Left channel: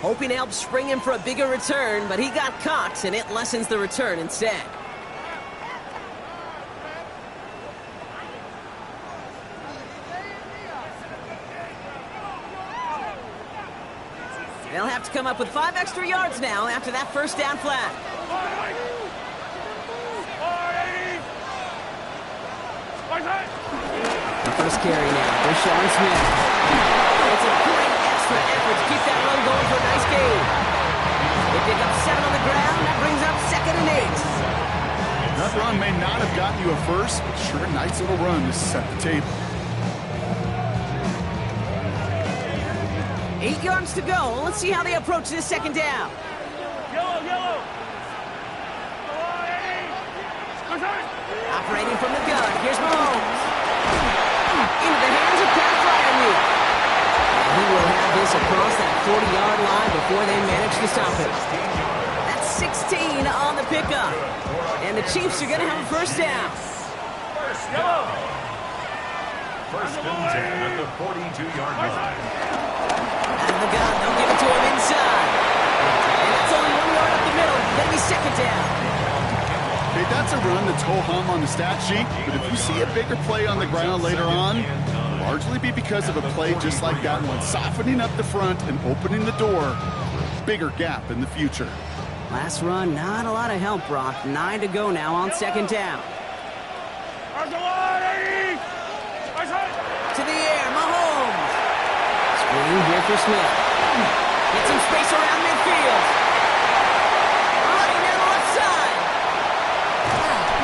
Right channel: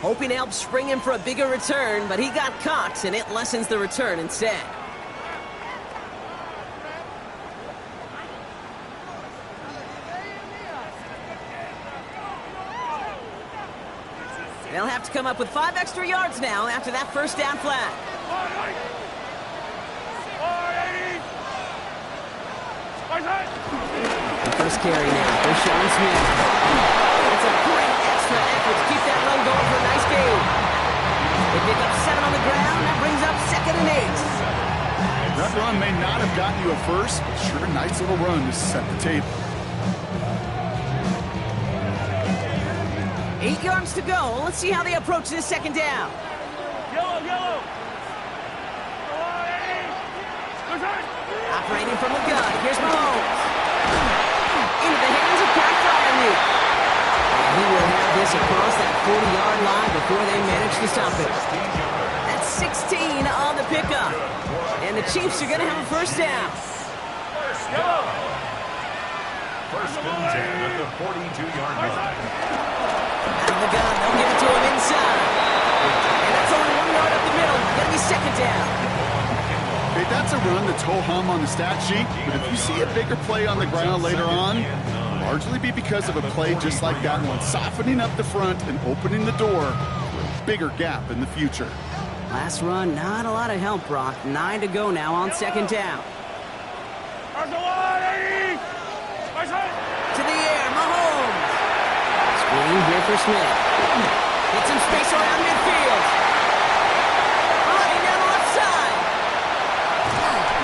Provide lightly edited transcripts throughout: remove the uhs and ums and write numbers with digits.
hoping to help spring him for a bigger return, but he got caught, and it lessens the return instead. They'll have to come up with 5 extra yards now after that first down flag. The first carry now for Sean Smith. It's a great extra effort to keep that run going for a nice gain. They pick up 7 on the ground. That brings up 2nd and 8. That run may not have gotten you a first, but sure a nice little run to set the table. 8 yards to go. Let's see how they approach this 2nd down. Yellow. Operating from the gun. Here's Mahomes. Into the hands of Pat Fryermuth. And he will have this across that 40-yard line before they manage to stop it. That's 16 on the pickup. And the Chiefs are going to have a first down. First and 10 at the 42-yard line. Out of the gun, they'll give it to him inside. And that's only 1 yard up the middle. Going to be 2nd down. Okay, that's a run that's ho-hum on the stat sheet, but if you see a bigger play on the ground later on, it'll largely be because of a play just like that one, softening up the front and opening the door for a bigger gap in the future. Last run, not a lot of help, Brock. 9 to go now on 2nd down. To the air, Mahomes. Screen here for Smith. Get some space around midfield. Running down the left side.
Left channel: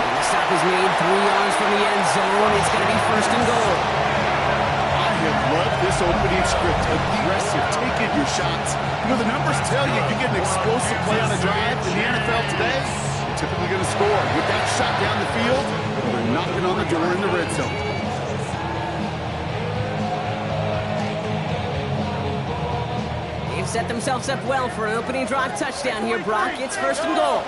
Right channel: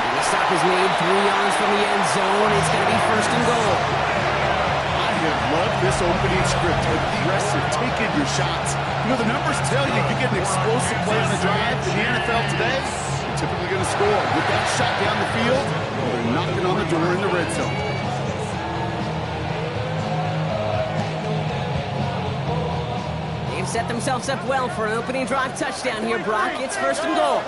And the stop is made 3 yards from the end zone. It's going to be 1st and goal. I have loved this opening script. Aggressive, taking your shots. You know, the numbers tell you get an explosive play on a drive in the NFL today, you're typically going to score. With that shot down the field, they're knocking on the door in the red zone. They've set themselves up well for an opening drive touchdown here, Brock. It's 1st and goal.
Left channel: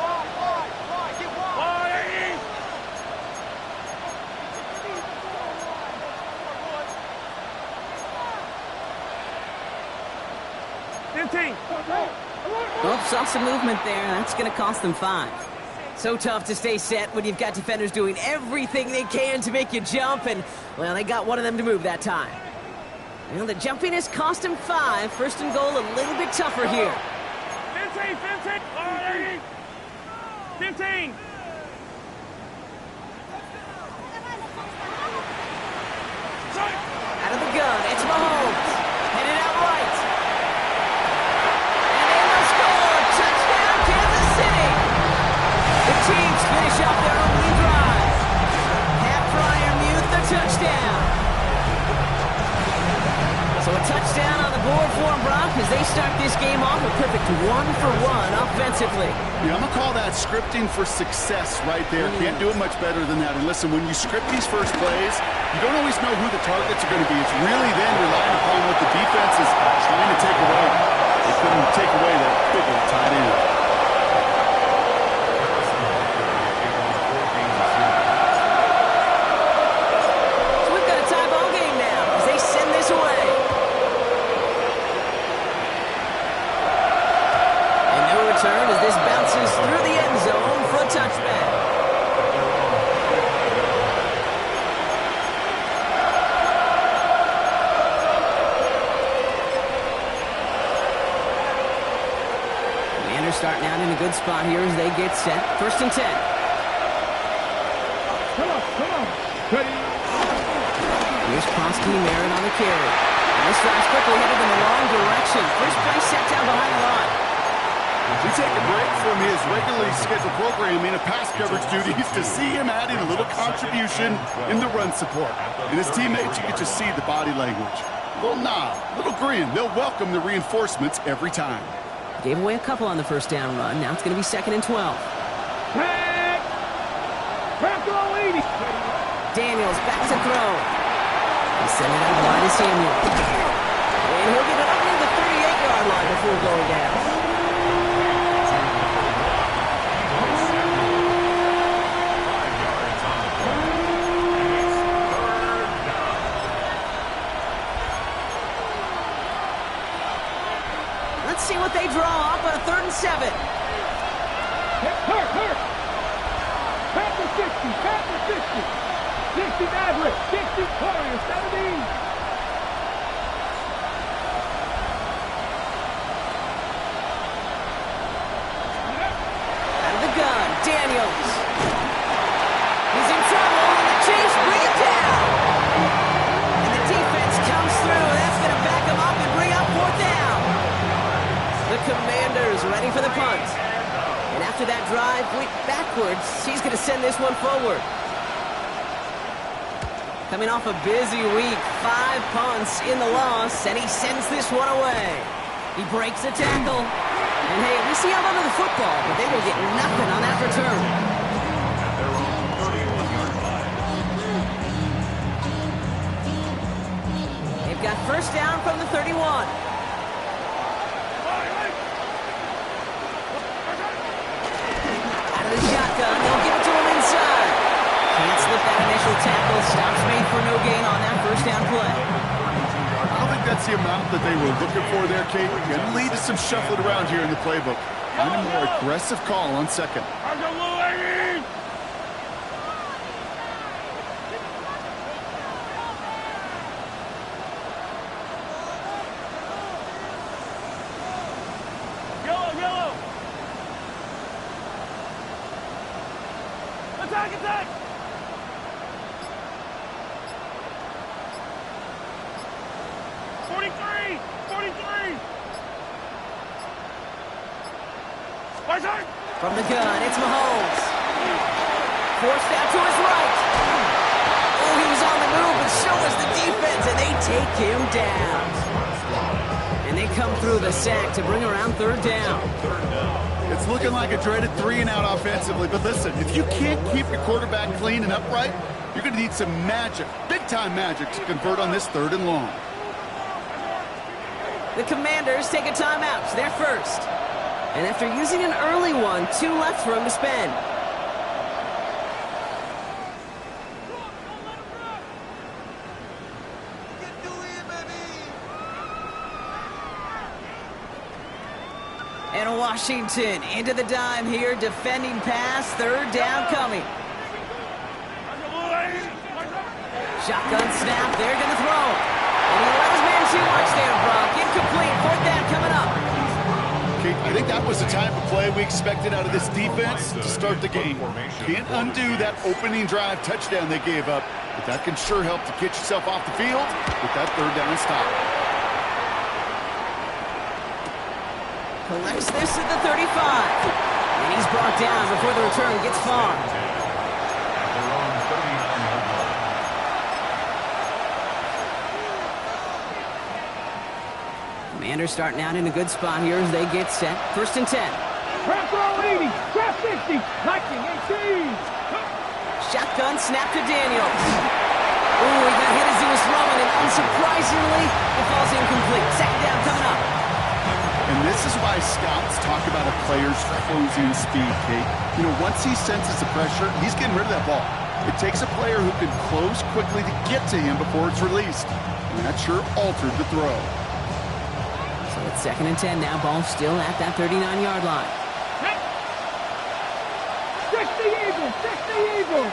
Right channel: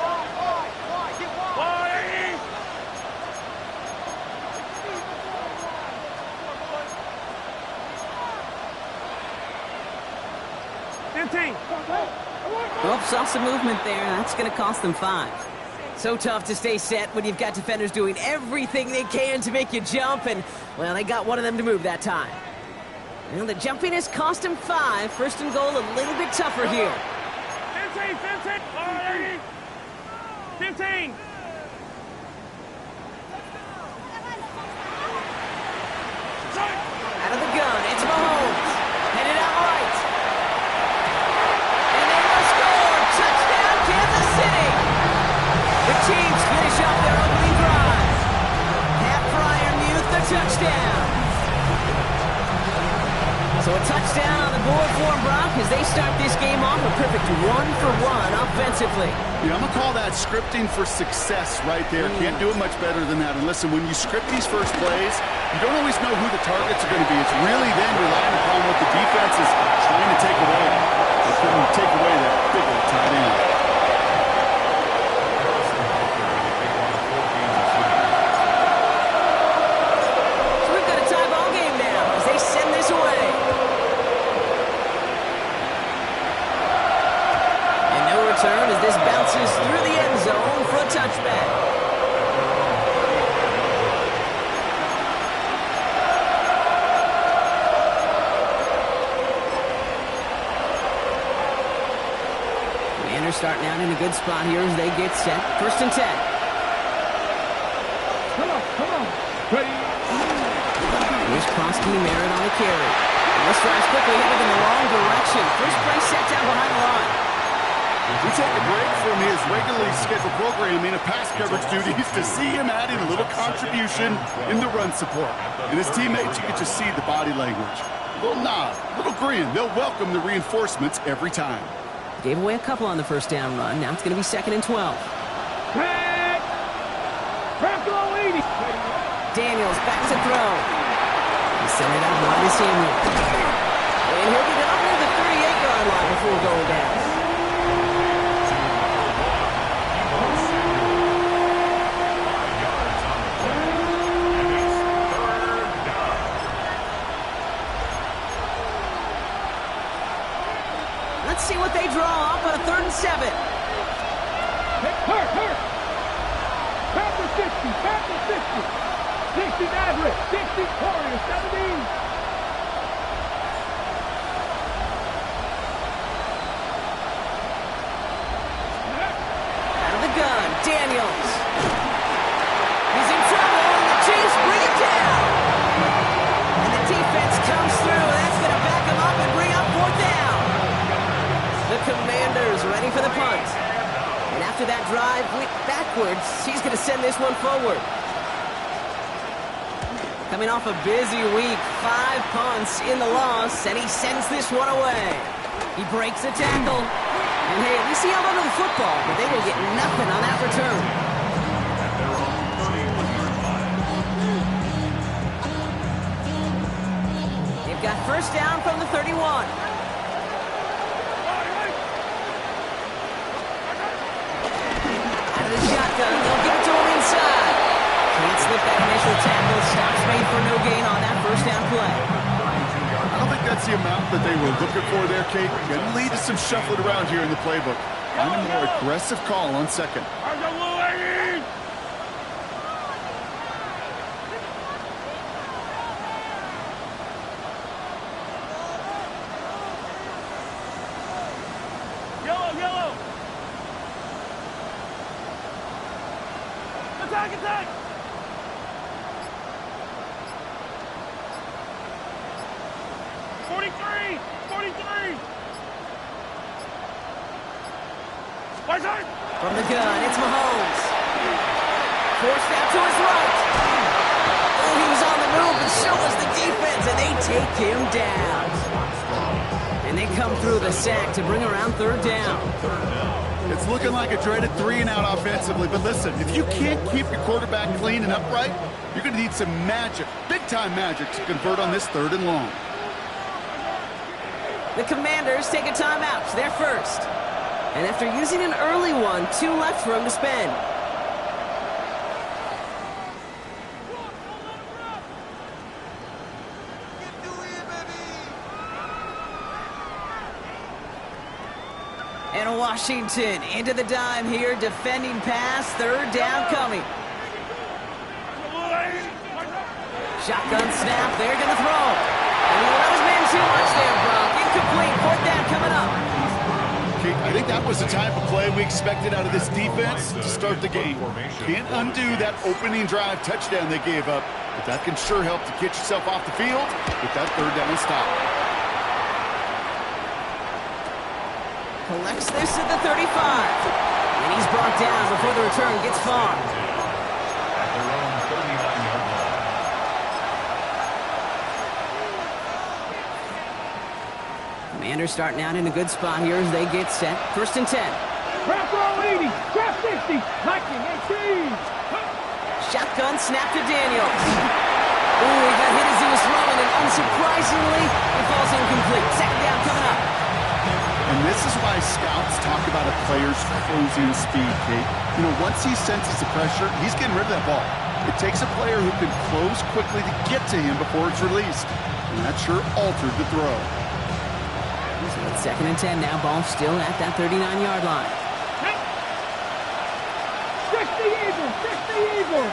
Oops, saw some movement there. That's going to cost them 5. So tough to stay set when you've got defenders doing everything they can to make you jump, and, well, they got one of them to move that time. Well, the jumping has cost him 5. 1st and goal a little bit tougher here. 15. Out of the gun, it's Mahomes. Headed out right. And they will score. Touchdown, Kansas City. The Chiefs finish off their opening drive. Pat Fryermuth, the touchdown. So a touchdown on the board for them, Brock, as they start this game off a perfect 1-for-1 offensively. Yeah, I'm going to call that scripting for success right there. Can't do it much better than that. And listen, when you script these first plays, you don't always know who the targets are going to be. It's really then relying upon what the defense is trying to take away. They couldn't take away that big old tight end. So we've got a tie ball game now as they send this away. And no return as this bounces through the end zone for a touchback. Commanders starting out in a good spot here as they get set. 1st and 10. Come on. Ready. Here's Krosky, Merritt on the carry. And this drive's quickly headed in the wrong direction. First play set down behind the line. We take a break from his regularly scheduled programming of pass coverage duties to see him adding a little contribution in the run support. And his teammates, you get to see the body language. A little nod, a little grin. They'll welcome the reinforcements every time. Gave away a couple on the first down run. Now it's going to be 2nd and 12. Daniels back to throw. He sent it out wide to Samuel. And he'll get it up near the 38-yard line before going down. Let's see what they draw up on a 3rd and 7. Hurt. Panther 60. 60 Maverick. 60 Warrior. 17. Out of the gun, Daniels. He's in trouble, and the Cheifs bring it down. And the defense comes through. That's going to back him up and bring up 4th down. The Commanders ready for the punt. And after that drive went backwards, he's going to send this one forward. Coming off a busy week, 5 punts in the loss, and he sends this one away. He breaks a tackle. And hey, at least he held onto the football, but they will get nothing on that return. At their own 31-yard line. They've got 1st down from the 31. Out of the shotgun, they'll give it to him inside. Can't slip that initial tackle. Stops made for no gain on that 1st down play. I don't think that's the amount that they were looking for there, Kate. Going to lead to some shuffling around here in the playbook. Find a more aggressive call on 2nd. Yellow. Attack. 43. From the gun, it's Mahomes. Forced out to his right. Oh, he was on the move, but so was the defense, and they take him down. And they come through the sack to bring around 3rd down. It's looking like a dreaded 3-and-out offensively, but listen, if you can't keep your quarterback clean and upright, you're going to need some magic, big-time magic, to convert on this 3rd and long. The Commanders take a timeout. They're first. And after using an early one, 2 left for him to spend. And Washington into the dime here, defending pass, 3rd down coming. Shotgun snap, they're going to throw. And he let his man too much there, Brock. Incomplete, 4th down coming up. Kate, I think that was the type of play we expected out of this defense to start the game. Can't undo that opening drive touchdown they gave up, but that can sure help to get yourself off the field with that 3rd down stop. Collects this at the 35. And he's brought down before the return gets far. At their own 39-yard line. Commanders starting out in a good spot here as they get set. 1st and 10. Trap roll 80. Trap 60. Lightning 18. Shotgun snap to Daniels. Ooh, he got hit as he was throwing, and unsurprisingly, it falls incomplete. 2nd down coming up. And this is why scouts talk about a player's closing speed, Kate. You know, once he senses the pressure, he's getting rid of that ball. It takes a player who can close quickly to get to him before it's released. And that sure altered the throw. So it's 2nd and 10 now. Ball still at that 39-yard line. 60 Eagles. 60 Eagles.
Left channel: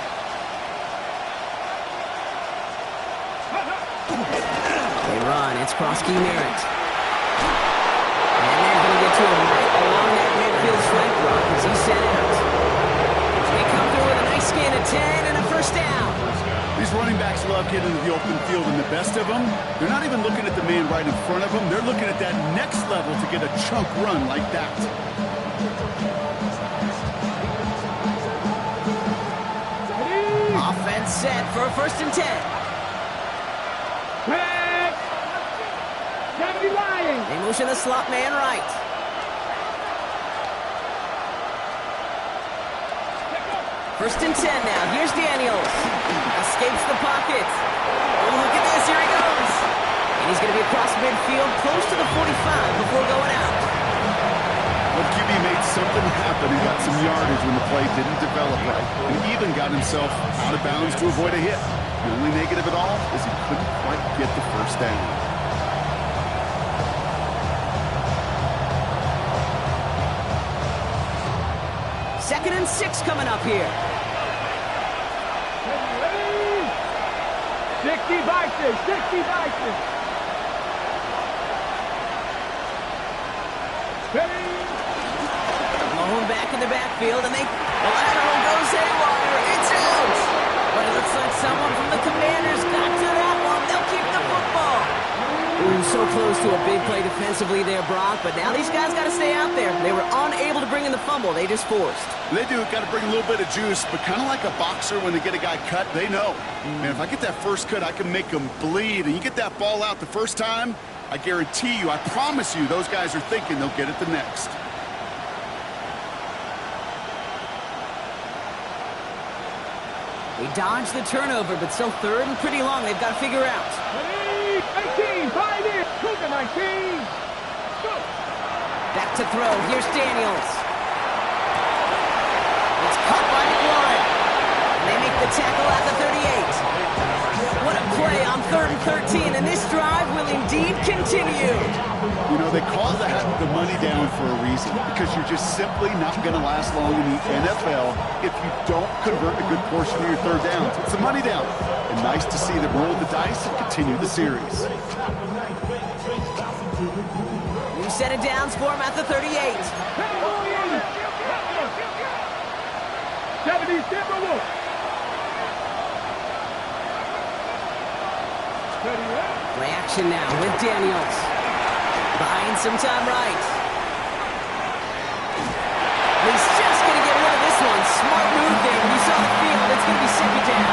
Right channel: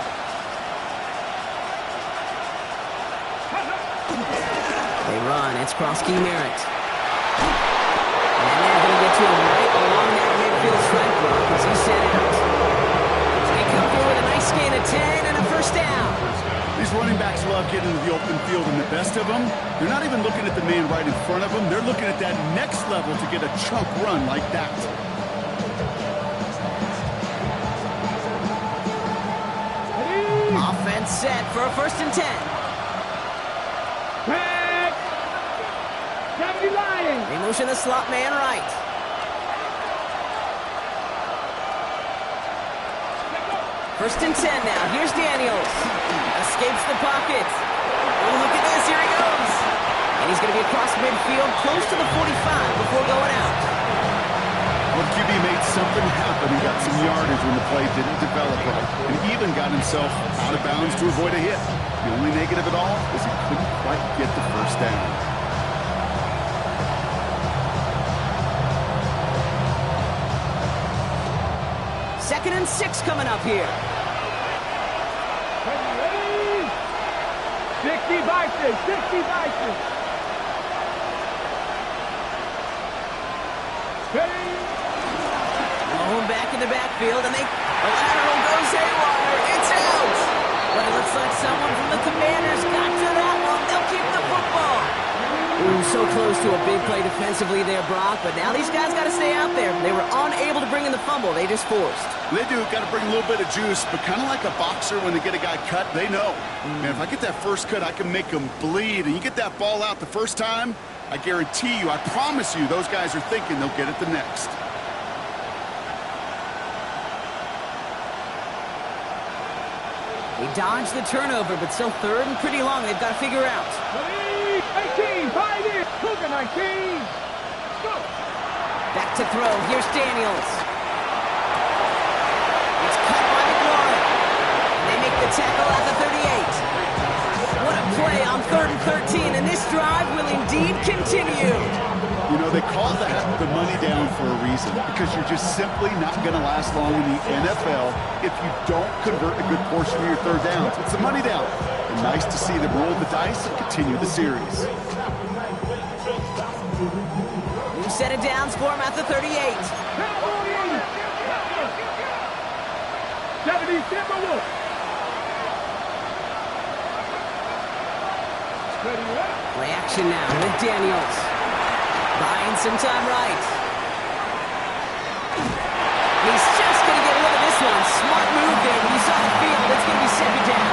They run. It's Krosky Merritt. And they're going to get to him right along that midfield strike block as he's sent out. They come through with a nice gain of 10 and a 1st down. These running backs love getting into the open field, and the best of them, they're not even looking at the man right in front of them. They're looking at that next level to get a chunk run like that. Offense set for a 1st and 10. Back. 70 Lions. They motion the slot man right. First and 10 now. Here's Daniels. Escapes the pocket. Oh, look at this. Here he goes. And he's going to be across midfield, close to the 45 before going out. Well, QB made something happen and got some yardage when the play didn't develop right, and even got himself out of bounds to avoid a hit. The only negative at all is he couldn't quite get the 1st down. 2nd and 6 coming up here. Ready? 60 Vikings, 60 Vikings. Ready? Blown back in the backfield, and the lateral goes haywire. It's out. But it looks like someone from the Commanders got to that one. They'll keep the football. Ooh, so close to a big play defensively there, Brock. But now these guys got to stay out there. They were unable to bring in the fumble. They just forced. They do. Got to bring a little bit of juice, but kind of like a boxer when they get a guy cut, they know. Man, if I get that first cut, I can make them bleed. And you get that ball out the first time, I guarantee you, I promise you, those guys are thinking they'll get it the next. They dodged the turnover, but still 3rd and pretty long. They've got to figure out. 19, 5 in, Cougar 19. Go. Back to throw. Here's Daniels. It's caught by McLaurin. And they make the tackle at the 38. What a play on 3rd and 13, and this drive will indeed continue. You know, they call that the money down for a reason, because you're just simply not going to last long in the NFL if you don't convert a good portion of your 3rd downs. It's the money down. And nice to see them roll the dice and continue the series. New set of downs for him at the 38. 70 Timberwolves. Play action now with Daniels. Buying some time right. He's just going to get rid of this one. Smart move there. When you saw the field, it's going to be 2nd down.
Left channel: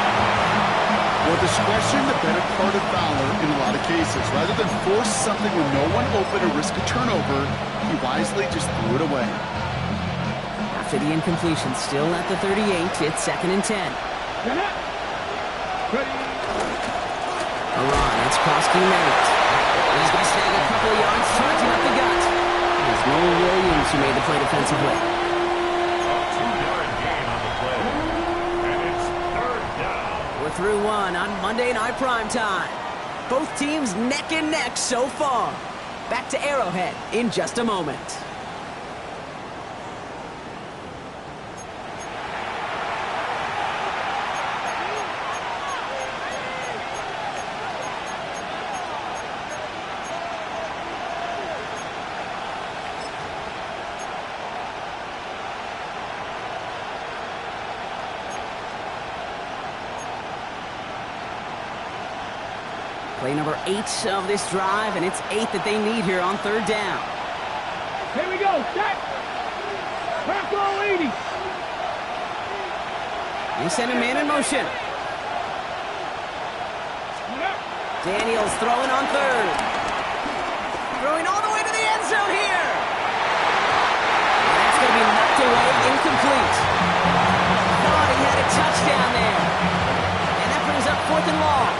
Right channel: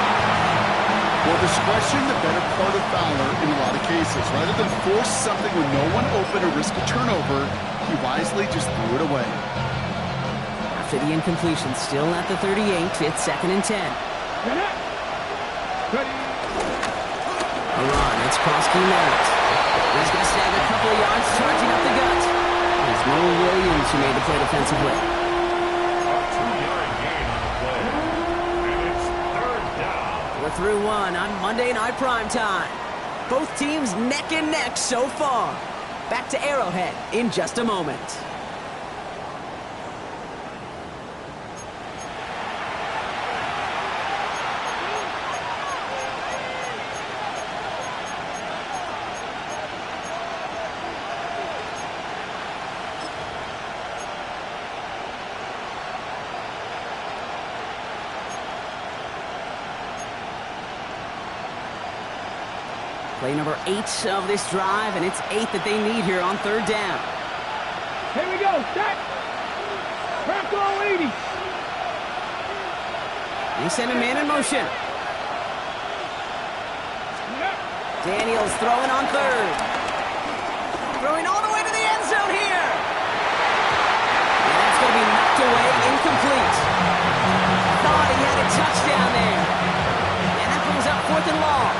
Well, discretion, the better part of valor in a lot of cases. Rather than force something when no one open or risk a turnover, he wisely just threw it away. After the incompletion, still at the 38, it's 2nd and 10. Ready? Iran, it's Krosky Merritt. He's going to snag a couple of yards, charging up the gut. It's Noel Williams who made the play defensively. A 2-yard gain on the play. And it's 3rd down. We're through one on Monday Night Primetime. Both teams neck and neck so far. Back to Arrowhead in just a moment. Play number 8 of this drive, and it's 8 that they need here on 3rd down. Here we go, set. Bronco 80. They send a man in motion. Daniels throwing on 3rd. Throwing all the way to the end zone here. And that's going to be knocked away, incomplete. Thought he had a touchdown there. And that brings up 4th and long.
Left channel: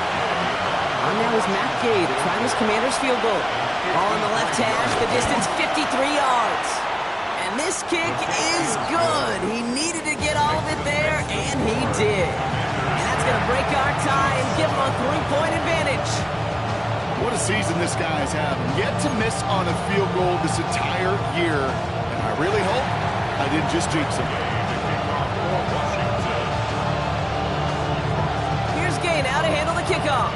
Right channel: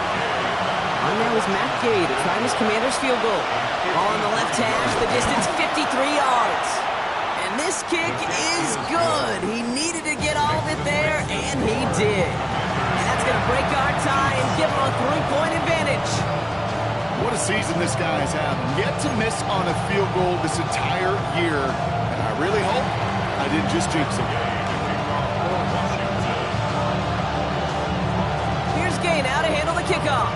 On now is Matt Gay to try this Commander's field goal. Ball on the left hash, the distance 53 yards. And this kick is good. He needed to get all of it there, and he did. And that's going to break our tie and give him a 3-point advantage. What a season this guy has had. Yet to miss on a field goal this entire year. And I really hope I didn't just jinx him. Here's Gay now to handle the kickoff.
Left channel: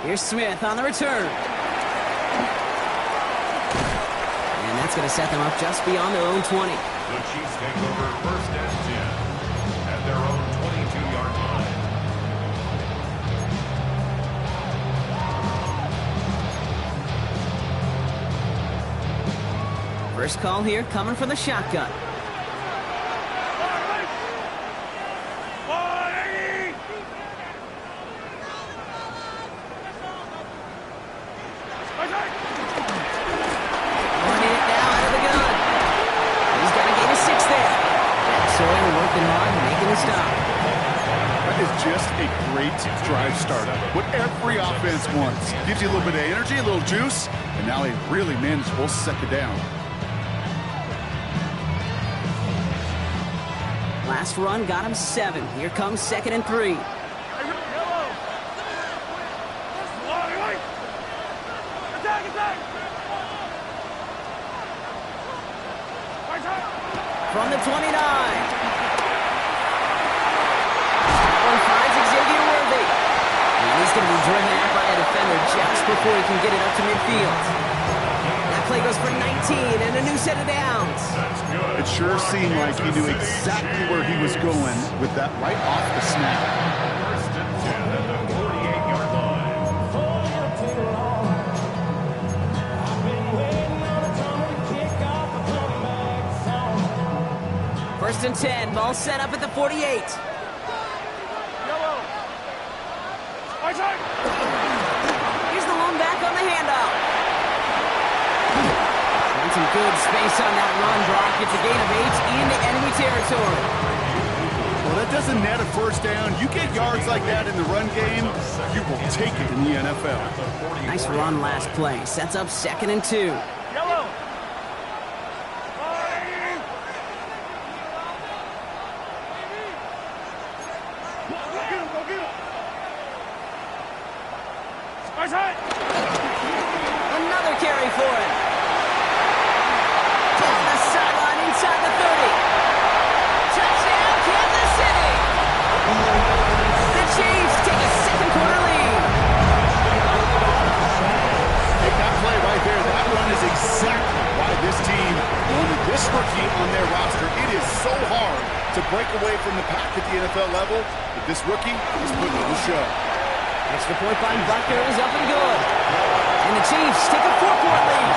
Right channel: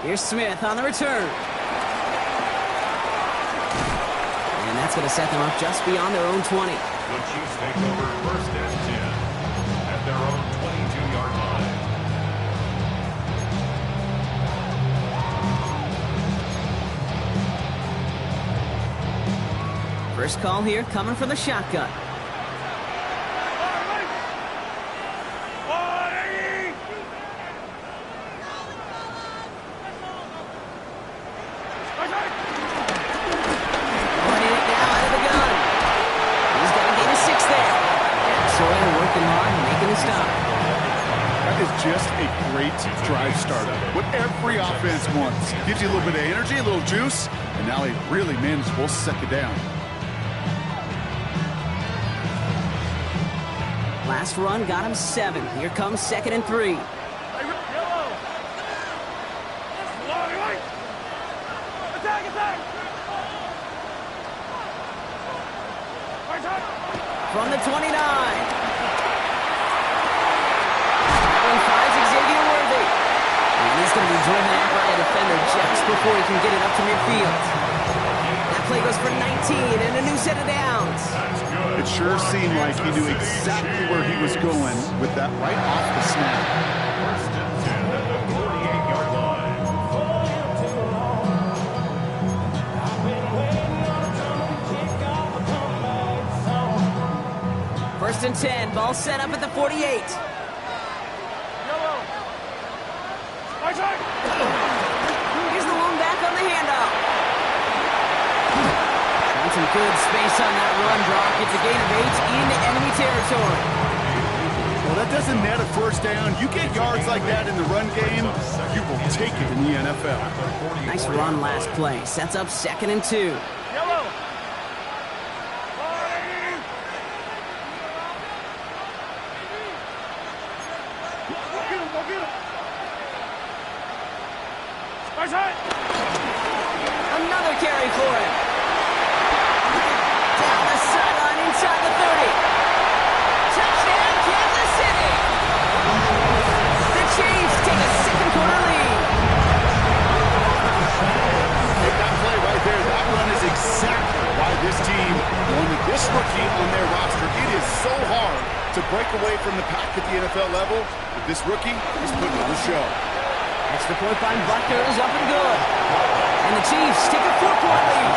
Here's Smith on the return. And that's going to set them up just beyond their own 20. The Chiefs take over 1st and 10 at their own 22-yard line. First call here coming from the shotgun. Running it now out of the gun. He's got to gain a 6 there. Jack Sawyer working hard and making the stop. That is just a great drive starter. What every offense wants. Gives you a little bit of energy, a little juice, and now a really manageable 2nd down. Last run got him 7. Here comes 2nd and 3. From the 29. That one finds Xavier Worthy. And he's going to be driven out by a defender just before he can get it up to midfield. That play goes for 19 and a new set of downs. It sure seemed like he knew exactly where he was going with that right off the snap. First and 10 at the 48-yard line. First and 10, ball set up at the 48. Here's the lone back on the handoff. Found some good space on that run, Brock. It's a gain of 8 into enemy territory. Well, that doesn't net a first down. You get yards like that in the run game, you will take it in the NFL. Nice run last play. Sets up 2nd and 2. Another carry for him. Down the sideline inside the 30. Touchdown, Kansas City. The Chiefs take a second quarter lead. Take that play right there. That run is exactly why this team wanted this rookie on their roster. It is so hard to break away from the pack at the NFL level, but this rookie is putting on a show. Extra point by Butker is up and good. And the Chiefs take a 4-point lead.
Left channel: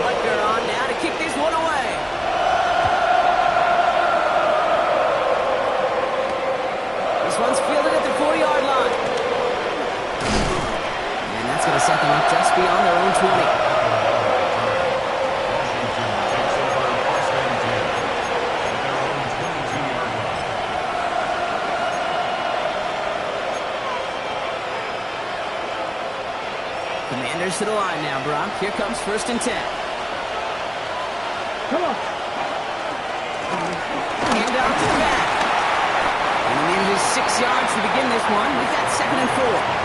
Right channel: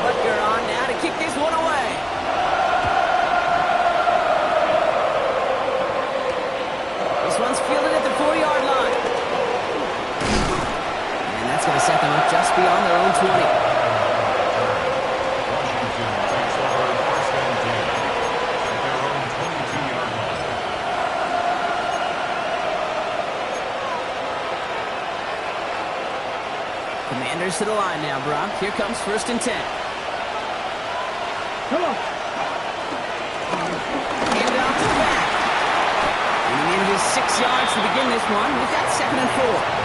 Butker on now to kick this one away. This one's fielded at the 4-yard line. That's going to set them up just beyond their own 20. Washington takes over first and 10 at their own 22-yard line. Commanders to the line now, Brock. Here comes first and 10. Come on. Hand off to the back. And he manages 6 yards to begin this one. We've got 2nd and 4.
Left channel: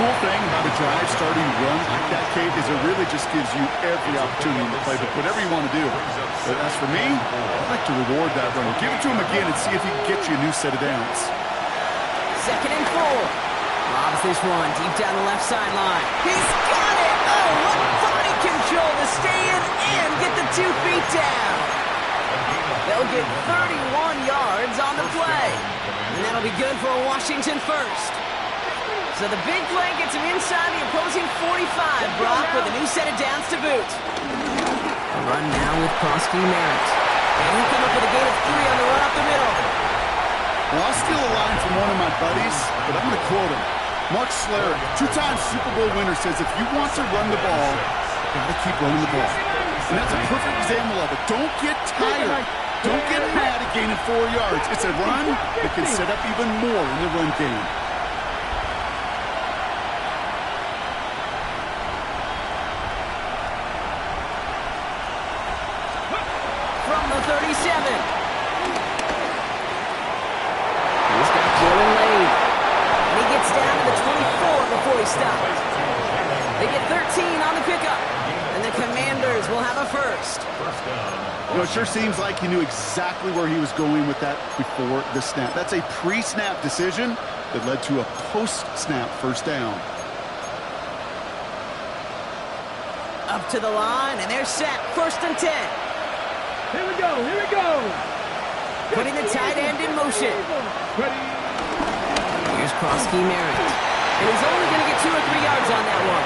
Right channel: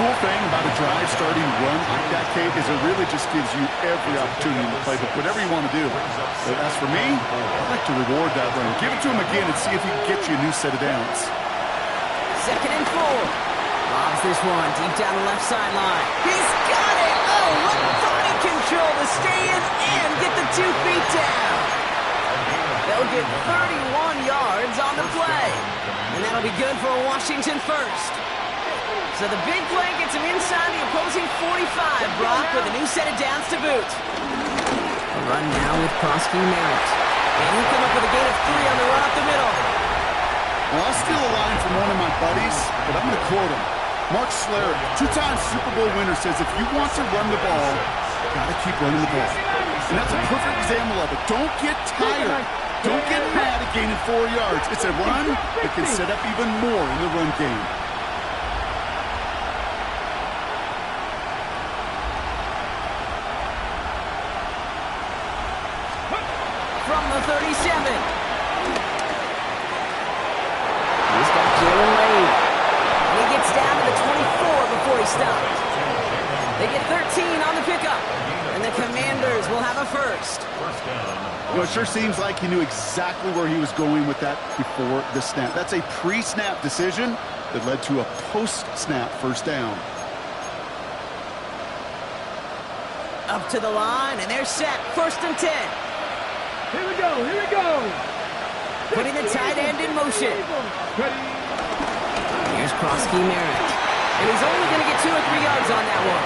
Cool thing about a drive starting run like that, Kate, is it really just gives you every opportunity in the playbook, whatever you want to do. But as for me, I'd like to reward that run. Give it to him again and see if he can get you a new set of downs. 2nd and 4. Lobs this one deep down the left sideline. He's got it! Oh, what body control to stay in and get the 2 feet down. They'll get 31 yards on the play. And that'll be good for a Washington first. So the big play gets him inside the opposing 45, Brock, with a new set of downs to boot. A run now with Prosky Merritt. And he'll come up with a gain of 3 on the run up the middle. Well, I'll steal a line from one of my buddies, but I'm going to quote him. Mark Slarick, 2-time Super Bowl winner, says if you want to run the ball, you got to keep running the ball. And that's a perfect example of it. Don't get tired. Don't get mad at gaining 4 yards. It's a run that can set up even more in the run game. From the 37. He's got Jalen Lane. And he gets down to the 24 before he stops. They get 13 on the pickup. And the Commanders will have a first. You know, it sure seems like he knew exactly where he was going with that before the snap. That's a pre-snap decision that led to a post-snap first down. Up to the line, and they're set. First and 10. Here we go. Here we go. Putting the tight end in motion. Ready. Here's Prosky Merritt. And he's only going to get 2 or 3 yards on that one.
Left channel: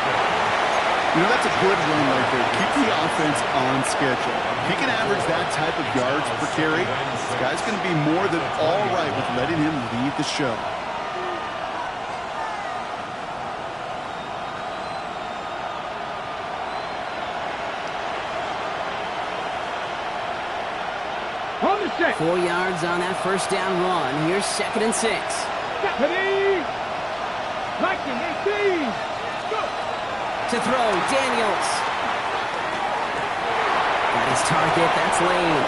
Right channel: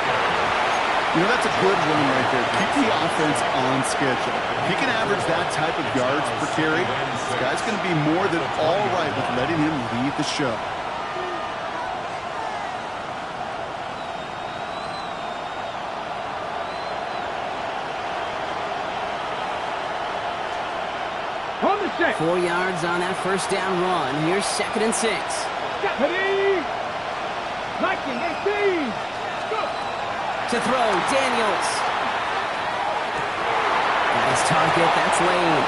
You know, that's a good run right there. Keep the offense on schedule. If he can average that type of yards per carry, this guy's going to be more than all right with letting him lead the show. On the set. 4 yards on that first down run. Here's 2nd and 6. Ready. 19, 18. Go. To throw, Daniels. Got his target, that's Lane.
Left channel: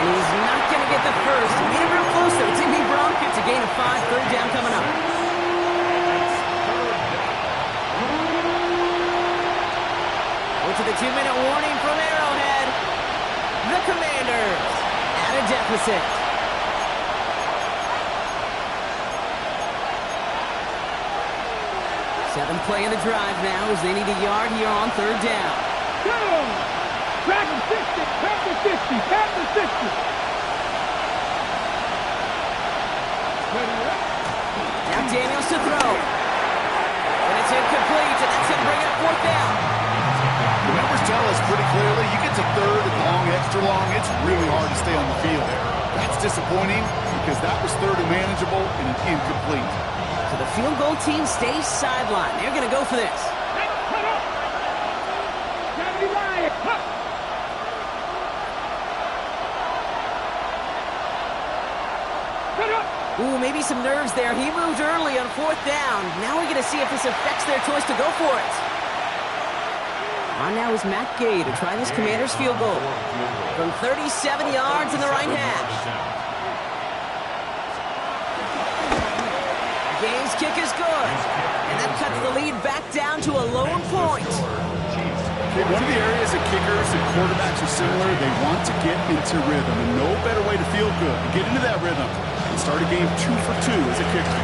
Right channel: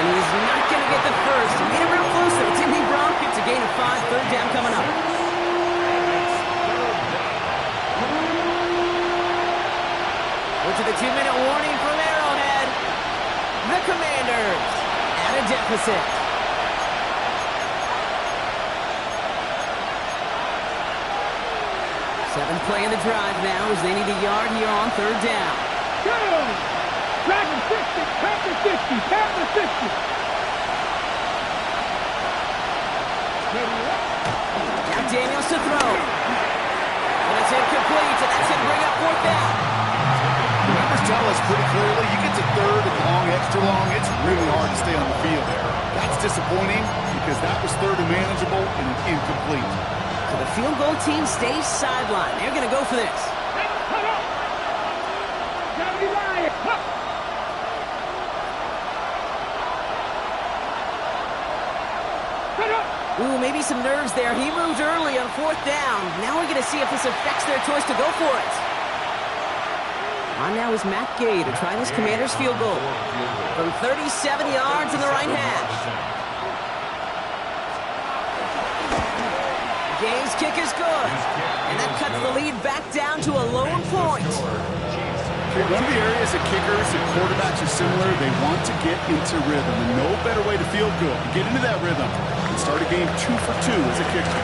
And he's not going to get the first. He made it real close, though. Timmy Brown gets a gain of 5. Third down coming up. We're to the 2-minute warning from Arrowhead. The Commanders at a deficit. Seventh play of the drive now as they need a yard here on third down. Go! Dragon 60, Panther 60, Panther 60. Ready up. Now Daniels to throw. And it's incomplete, and that's going to bring up fourth down. The numbers tell us pretty clearly, you get to third and long, extra long, it's really hard to stay on the field there. That's disappointing because that was third and manageable and an incomplete. So the field goal team stays sidelined. They're going to go for this. Cut up. Gravity line. Up. Cut up. Ooh, maybe some nerves there. He moved early on fourth down. Now we're going to see if this affects their choice to go for it. On now is Matt Gay to try this Commander's field goal. From 37 yards in the right hash. Gay's kick is good. And that cuts the lead back down to a lone point. Okay, one of the areas that kickers and quarterbacks are similar, they want to get into rhythm. And no better way to feel good, to get into that rhythm, and start a game 2 for 2 as a kicker.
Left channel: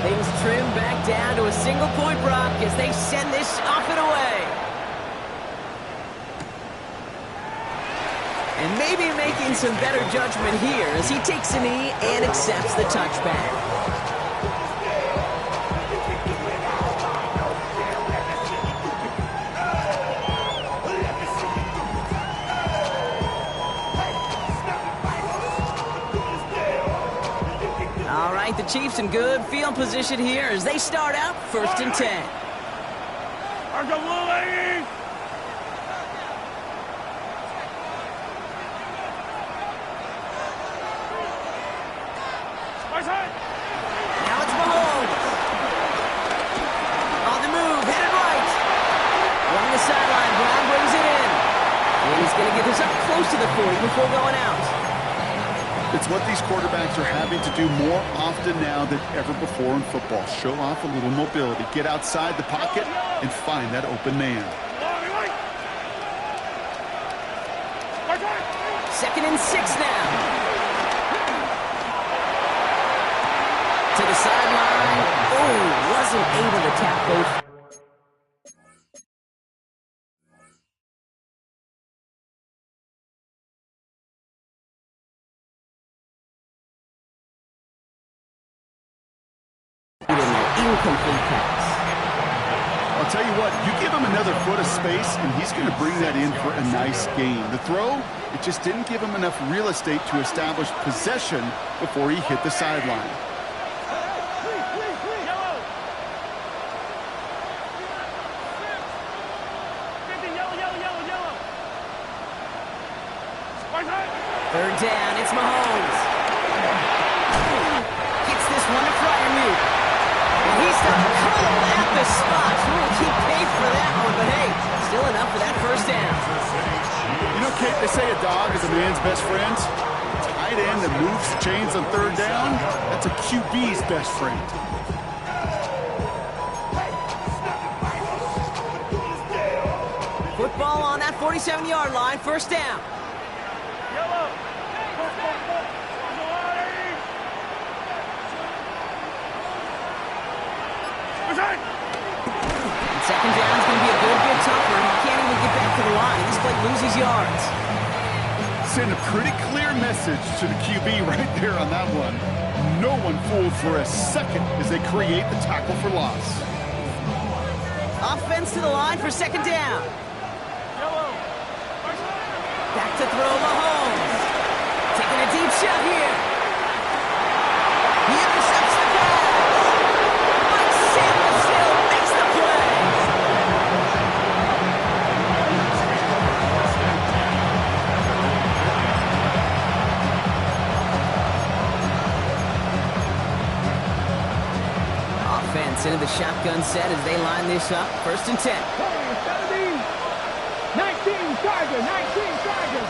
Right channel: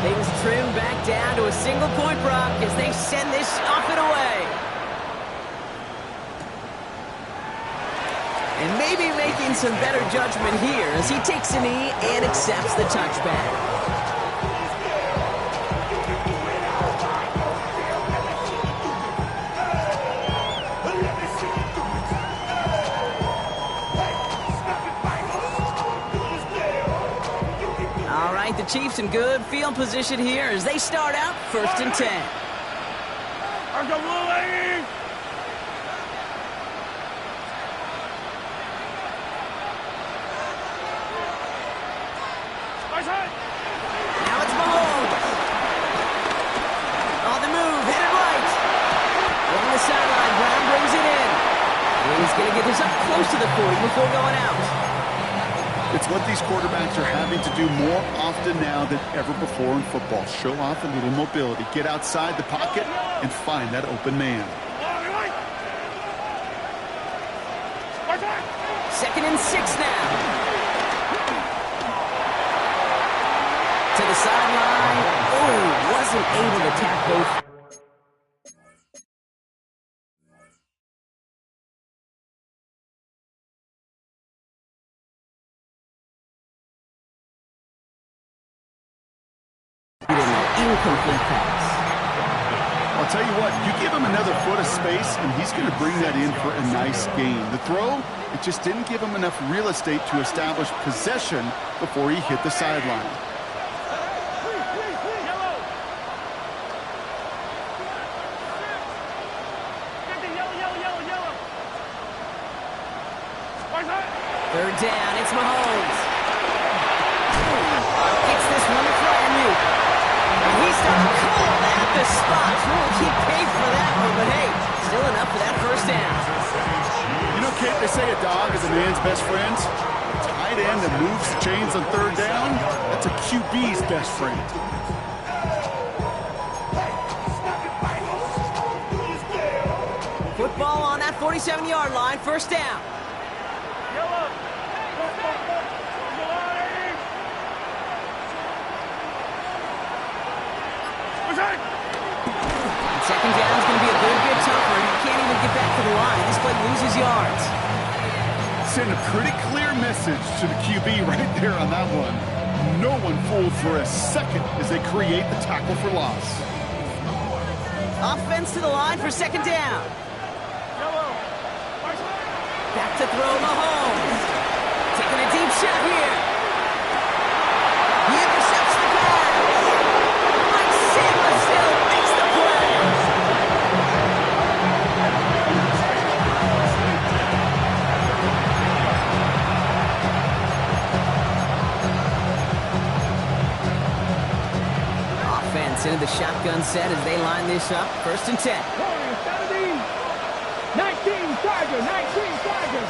Things trim back down to a single point, Brock, as they send this off and away. And maybe making some better judgment here as he takes a knee and accepts the touchback. All right, the Chiefs in good field position here as they start out 1st and 10. Now it's Mahomes. On the move, headed right. Along the sideline, Brown brings it in. And he's going to get this up close to the 40 before going out. It's what these quarterbacks are having to do more often now than ever before in football. Show off a little mobility. Get outside the pocket and find that open man. 2nd and 6 now. To the sideline. Oh, wasn't able to tap both. Incomplete pass. I'll tell you what, you give him another foot of space, and he's going to bring that in for a nice gain. The throw, it just didn't give him enough real estate to establish possession before he hit the sideline. Third down, it's Mahomes. Gets this one to Fryermuth. And he's done cold at the spot. He paid for that one, but hey, still enough for that first down. You know, Kate, they say a dog is a man's best friend. A tight end that moves the chains on third down, that's a QB's best friend. Football on that 47-yard line, first down. And second down is going to be a good bit tougher. He can't even get back to the line. This play loses yards. Send a pretty clear message to the QB right there on that one. No one fooled for a second as they create the tackle for loss. Offense to the line for second down. Back to throw Mahomes. Taking a deep shot here. He intercepts the pass. Mike Samuel makes the play. Offense into the shotgun set as they line this up. 1st and 10. 19 Tiger, 19 Tiger.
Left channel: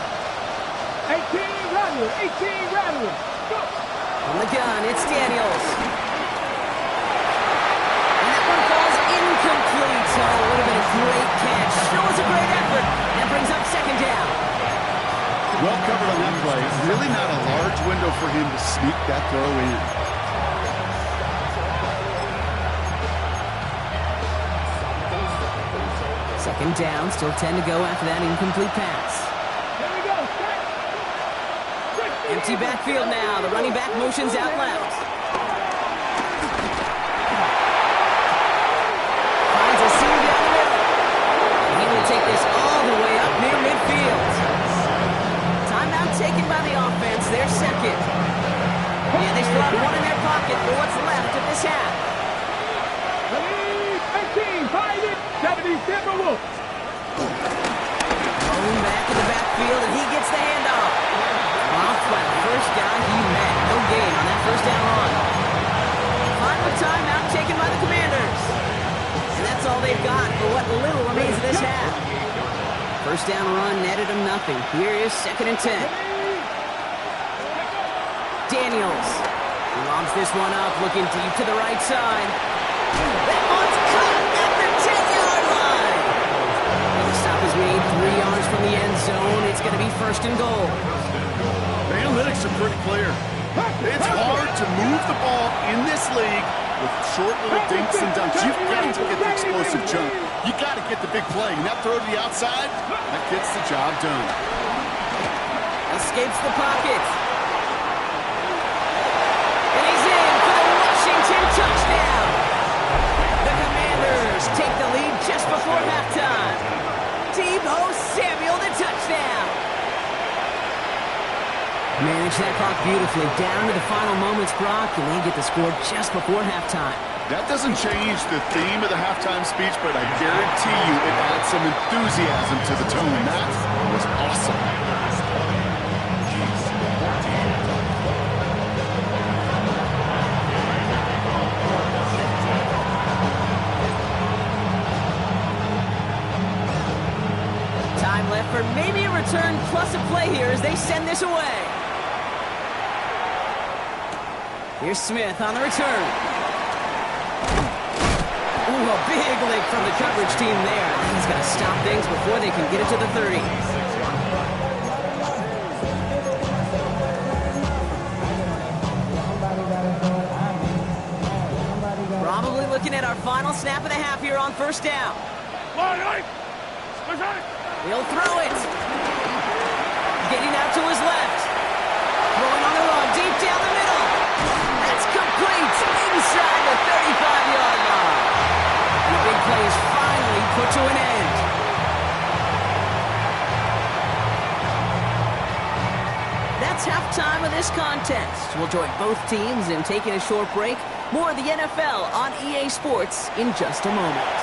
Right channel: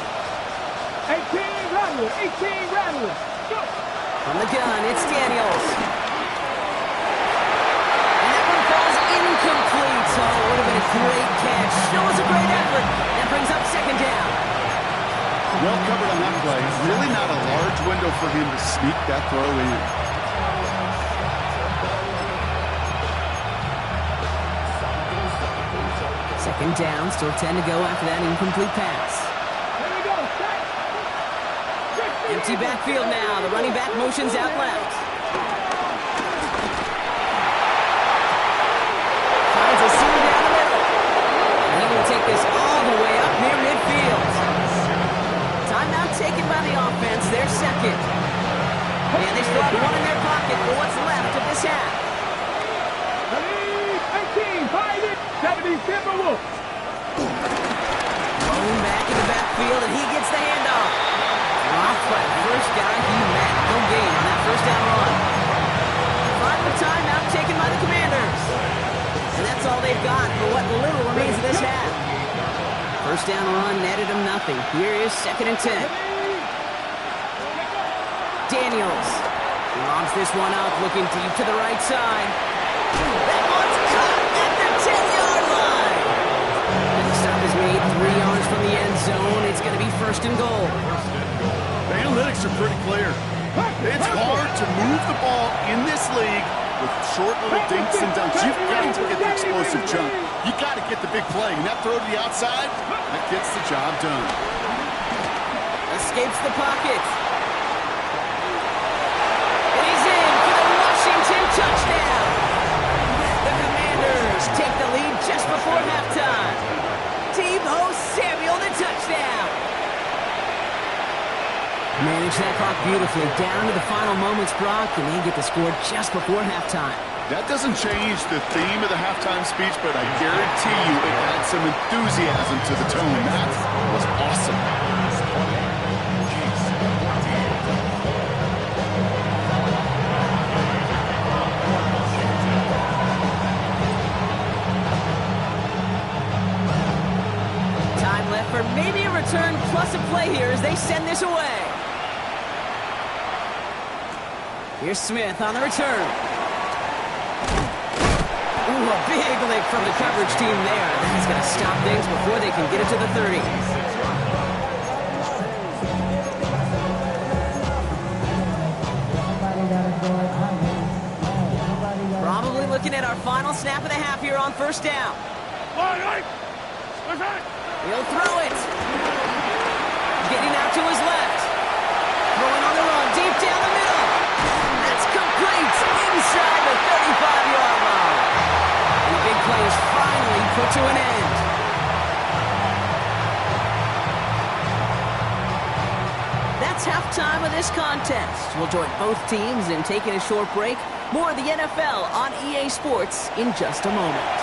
18 Rattler. 18 Rattler. Go. From the gun, it's Daniels. And that one falls incomplete. Oh, it would have been a great catch. Still was a great effort. That brings up second down. Well covered on that play. Really not a large window for him to sneak that throw in. Second down, still 10 to go after that incomplete pass. Here we go. Set. Empty backfield now. The running back motions out left. Finds a seam down the middle. And he will take this all the way up near midfield. Timeout taken by the offense. Their second. And they still have one in their pocket for what's left of this half. 18, 5 in, 70 Timberwolves. Going back in the backfield, and he gets the handoff. Dropped by the first guy he met. No gain on that first down run. Final timeout taken by the Commanders. And that's all they've got for what little remains of this half. First down run netted him nothing. Here is second and 10. Daniels lobs this one up, looking deep to the right side. That one's caught at the 10-yard line. And the stop is made 3 yards from the end zone. It's going to be first and goal. The analytics are pretty clear. It's hard to move the ball in this league with short little dinks and dunks. You've got to get the explosive jump. You got to get the big play. And that throw to the outside, that gets the job done. Escapes the pocket. And he's in for the Washington touchdown. The Commanders take the lead just before halftime. Deebo Samuel, the touchdown. Manage that clock beautifully down to the final moments, Brock, and they get the score just before halftime. That doesn't change the theme of the halftime speech, but I guarantee you it adds some enthusiasm to the tone. That was awesome. Time left for maybe a return plus a play here as they send this away. Here's Smith on the return. Ooh, a big lick from the coverage team there. And that's going to stop things before they can get it to the 30. Probably looking at our final snap of the half here on first down. He'll throw it. Getting out to his left. Throwing on the run, deep down the middle. That's complete inside the 35-yard line. And the big play is finally put to an end. That's halftime of this contest. We'll join both teams in taking a short break. More of the NFL on EA Sports in just a moment.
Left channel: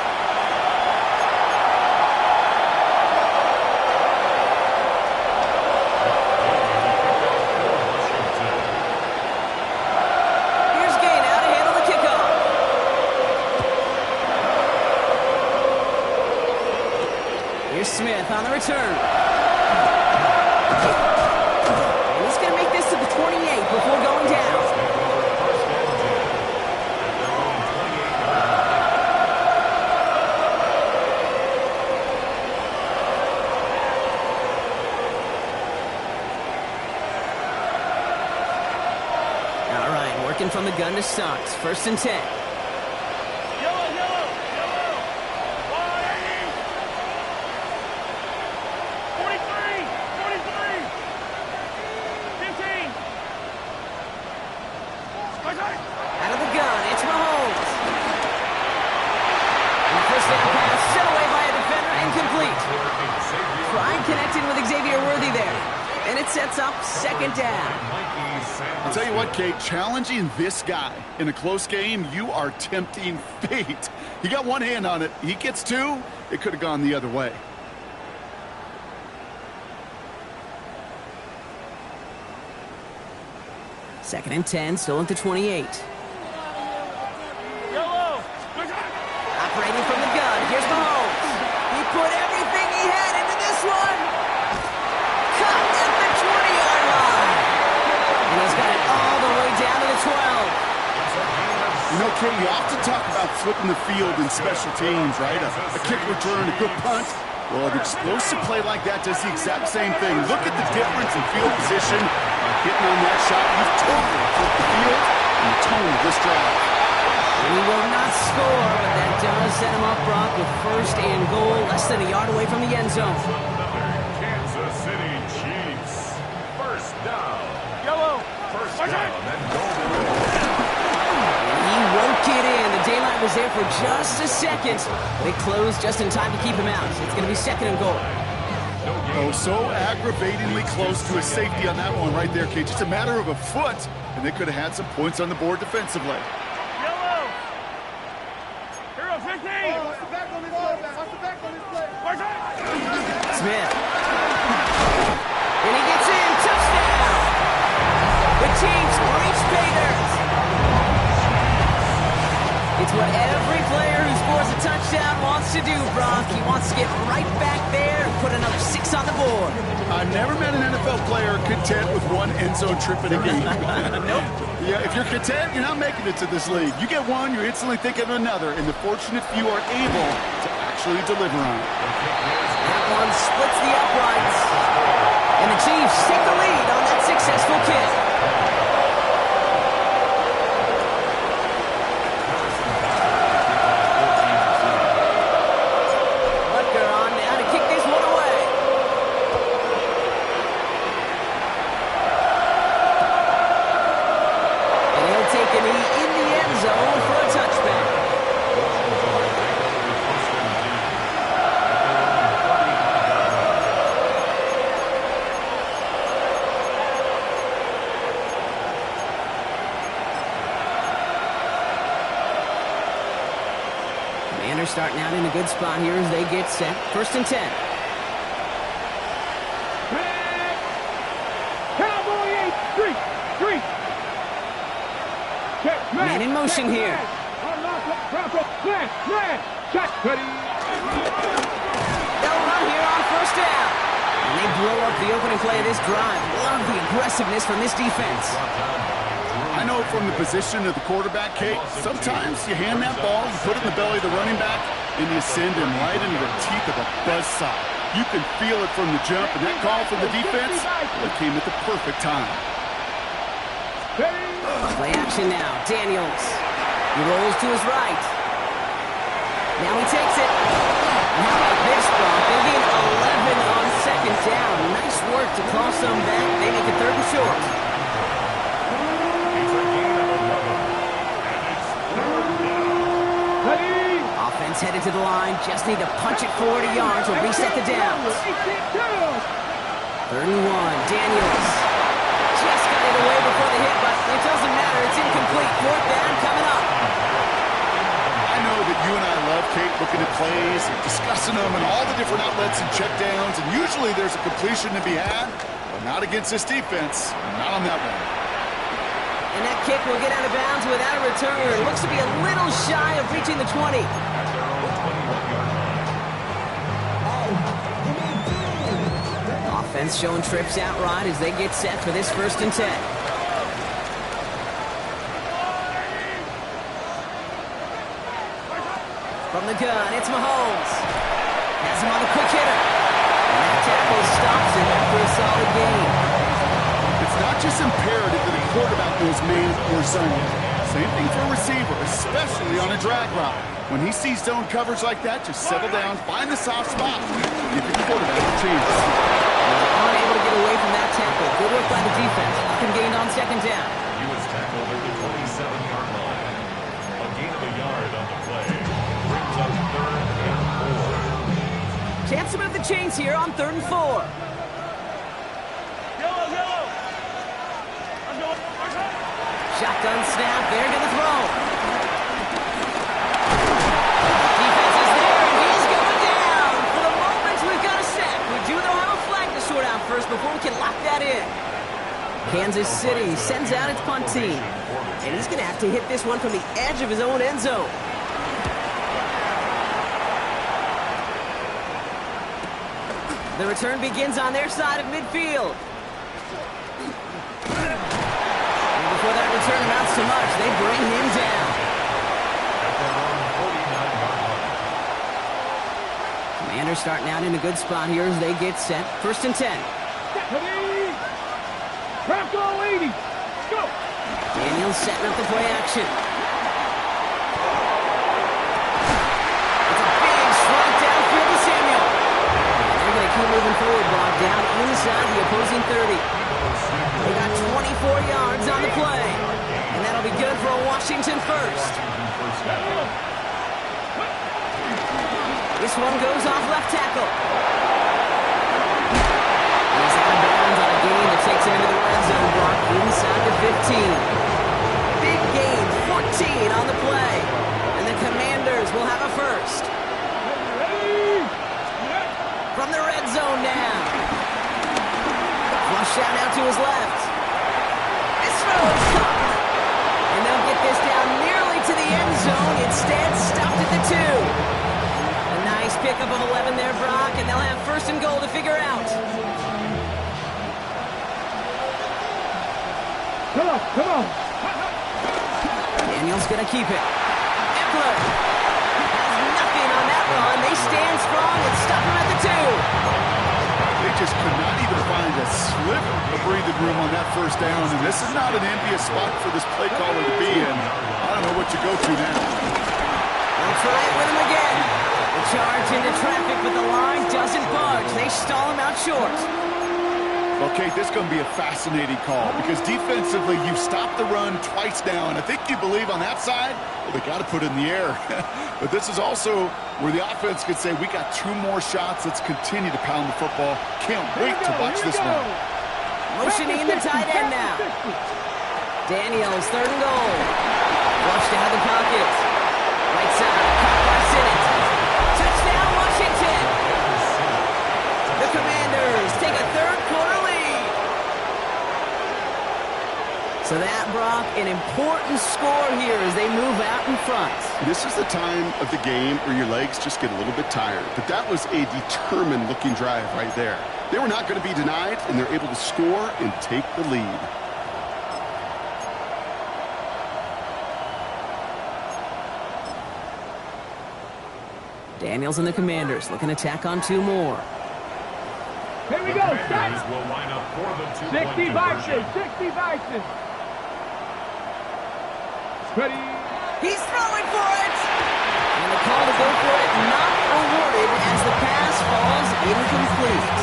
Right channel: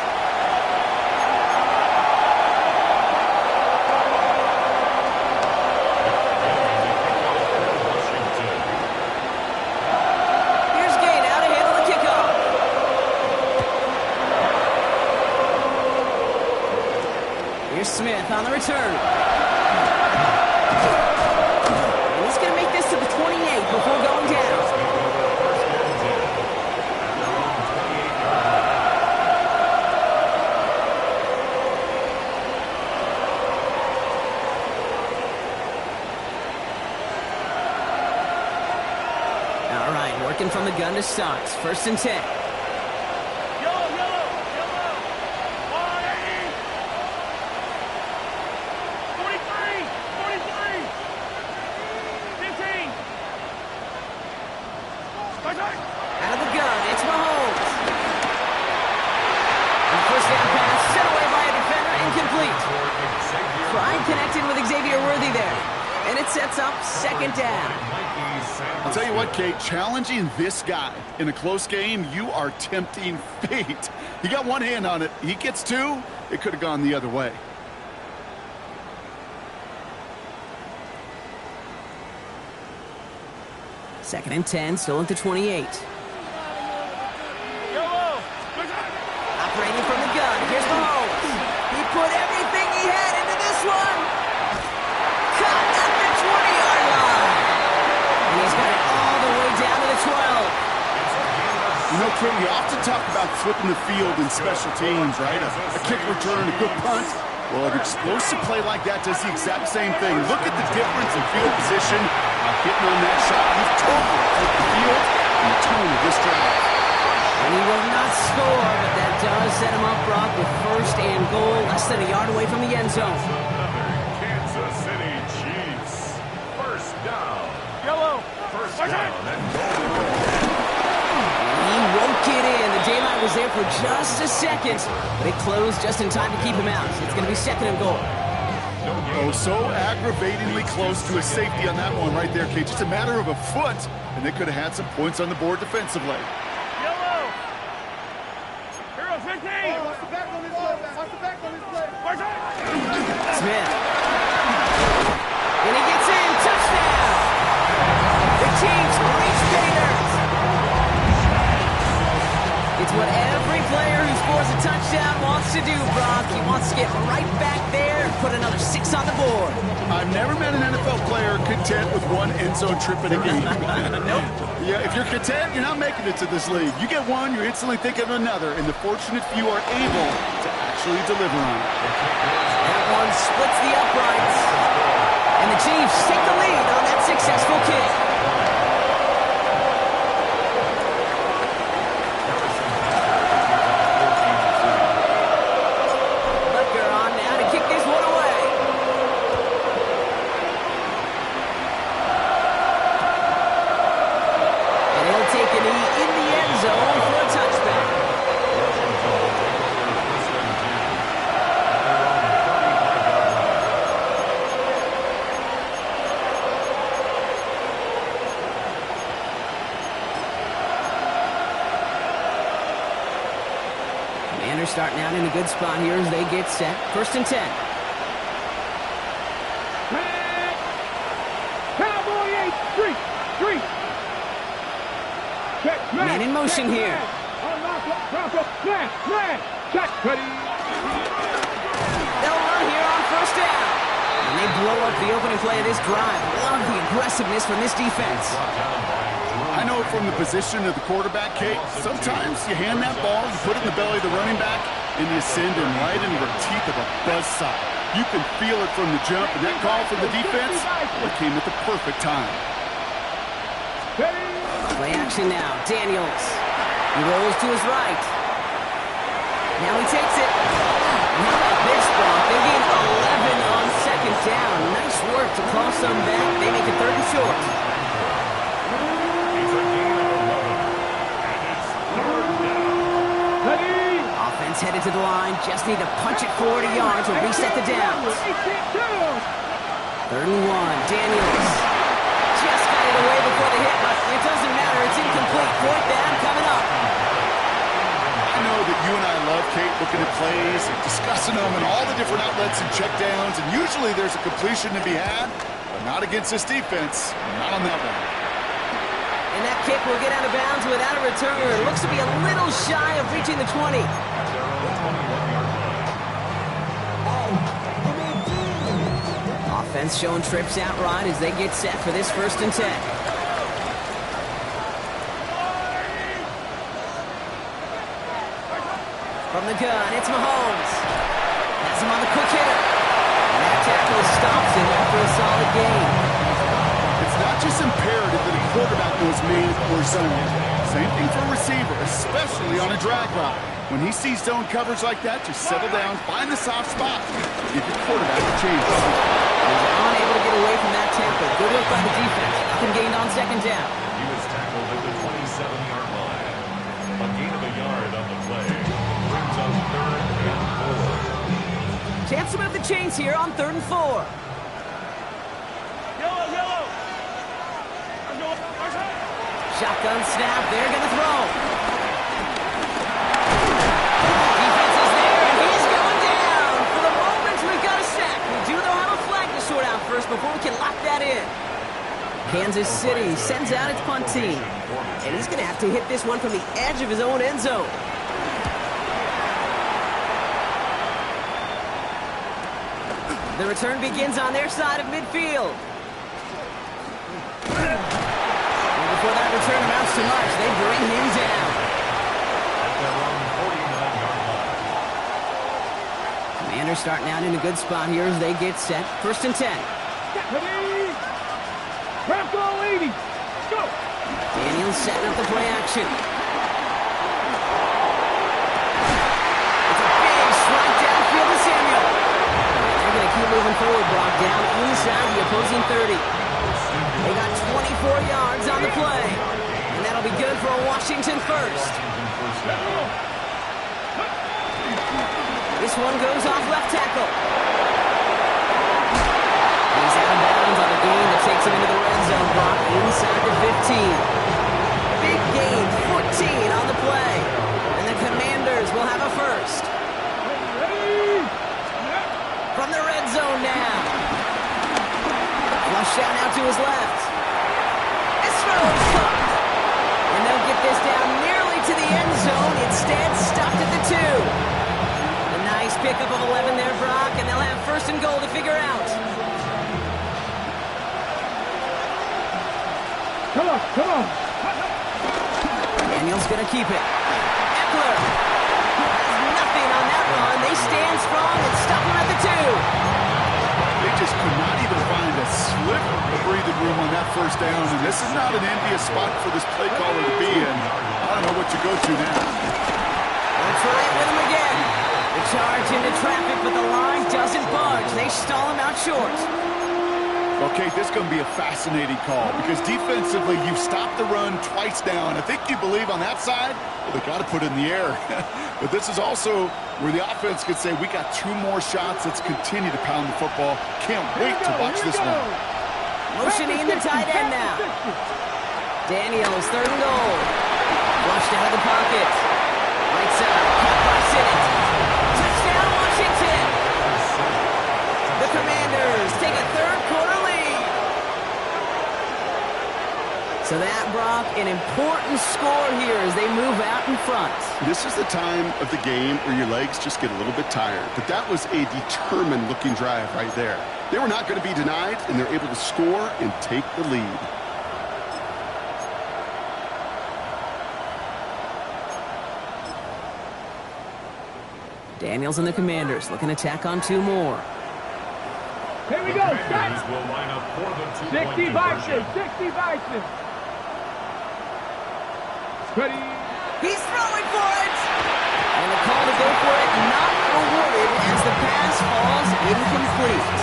Here's Smith on the return. And he's going to make this to the 28 before going down. All right, working from the gun to start. First and 10. Out of the gun, it's Mahomes. And the first down pass set away by a defender, incomplete. Pride connected with Xavier Worthy there. And it sets up second down. I'll tell you what, Kate, challenging this guy in a close game, you are tempting fate. He got one hand on it. He gets two, it could have gone the other way. Second and 10, still at the 28. Operating from the gun, here's Mahomes. He put everything he had into this one. Caught at the 20 12. You know, Kate, you often talk about flipping the field in special teams, right? A kick return, a good punt. Well, an explosive play like that does the exact same thing. Look at the difference in field position. By hitting on that shot, you've totally flipped the field and the tone of this drive. And he will not score, but that does set him up, Brock, with first and goal, less than a yard away from the end zone. Another Kansas City Chiefs. First down. Yellow. First down and goal. He won't get in. The daylight was there for just a second, but it closed just in time to keep him out. It's going to be second and goal. Oh, so aggravatingly close to a safety on that one right there, Kate. Just a matter of a foot, and they could have had some points on the board defensively. Yellow. Hero 15. Watch the back on this play. Watch the back on this play. Watch it. Smith. And he gets in. Touchdown. The Chiefs reach pay dirt. It's what every player who scores a touchdown wants to do, Brock. He wants to get right back there and put another 6 on the board. I've never met an NFL player content with one end zone trip in a game. Nope. Yeah, if you're content, you're not making it to this league. You get one, you're instantly thinking of another, and the fortunate few are able to actually deliver on it. That one splits the uprights. And the Chiefs take the lead on that successful kick. Take a knee in the end zone for a touchback. Washington will take over first and 10 at their own 35-yard line. Commanders starting out in a good spot here as they get set. First and 10. Back. Cowboy 8. Street. Man in motion here. Check. Ready. They'll run here on first down. And they blow up the opening play of this drive. Love the aggressiveness from this defense. I know from the position of the quarterback, Kate, sometimes you hand that ball, you put it in the belly of the running back, and you send him right into the teeth of a buzzsaw. You can feel it from the jump, and that call from the defense, it came at the perfect time. Play action now. Daniels. He rolls to his right. Now he takes it. And how about this, Brock? They gain 11 on second down. Nice work to cross them back. They make it third and short. It's a gain of 11. And it's third down. Ready. Offense headed to the line. Just need to punch it 40 yards or reset the downs. Third and 1. Daniels. Just got it away before the hit, but it doesn't matter. It's incomplete. Fourth down coming up. I know that you and I love, Kate, looking at plays and discussing them and all the different outlets and checkdowns, and usually there's a completion to be had, but not against this defense. Not on that one. And that kick will get out of bounds without a return. Looks to be a little shy of reaching the 20. At their own 21-yard line. Offense showing trips out right as they get set for this first and 10. From the gun, it's Mahomes. Has him on the quick hitter. And that tackle stops him after a solid gain. It's not just imperative that a quarterback knows man or zone. Same thing for a receiver, especially on a drag route. When he sees zone coverage like that, just settle down, find the soft spot, give your quarterback a chance. He's unable to get away from that tackle. Good work by the defense. Nothing gained on second down. He was tackled at the 27-yard line. A gain of a yard on the play. Brings up third and 4. Chance to move the chains here on third and 4. Yellow. Shotgun snap. They're going to throw. Defense is there, and he's going down. For the moment, we've got a sack. We do, though, have a flag to sort out first before we can lock that in. Kansas City sends out its punt team. And he's going to have to hit this one from the edge of his own end zone. The return begins on their side of midfield. The before that return amounts to much. They bring him down. At their own 49-yard line. Commanders starting out in a good spot here as they get set. 1st and 10. Ready? Trap goal 80. Let's go. Daniels setting up the play action. It's a big strike downfield to Samuel. And they're going to keep moving forward, Brock, down inside the opposing 30. They got 24 yards on the play. And that'll be good for a Washington first. This one goes off left tackle. He's out of bounds on a gain that takes him into the red zone, Brock, inside the 15. Big gain, 14 on the play. And the Commanders will have a first. From the red zone now. Flush down out to his left. This throw is caught. And they'll get this down nearly to the end zone. Instead, stopped at the 2. A nice pickup of 11 there, Brock, and they'll have 1st and goal to figure out. Come on, come on. Daniels gonna keep it. Eckler has nothing on that run. They stand strong and stop him at the 2. They just could not even find a sliver of breathing room on that 1st down, and this is not an envious spot for this play caller to be in. I don't know what you go to now. They'll try it with him again. The charge into traffic, but the line doesn't budge. They stall him out short. Okay, this is going to be a fascinating call because defensively, you've stopped the run twice now, and I think you believe on that side, well, they got to put it in the air. But this is also where the offense could say, we got 2 more shots. Let's continue to pound the football. Can't wait to watch this one. Motioning the tight end now. Daniels, 3rd and goal. Flushed out of the pocket. Right side, caught by Sinnott. Touchdown, Washington. The Commanders take a 3rd quarter lead. So that, Brock, an important score here as they move out in front. This is the time of the game where your legs just get a little bit tired. But that was a determined-looking drive right there. They were not going to be denied, and they're able to score and take the lead. Daniels and the Commanders looking to tack on 2 more. Here we go. Commanders will line up for the 2-point 60 conversion. Bison. 60 Bison. Ready. He's throwing for it! And the call to go for it not rewarded as the pass falls incomplete.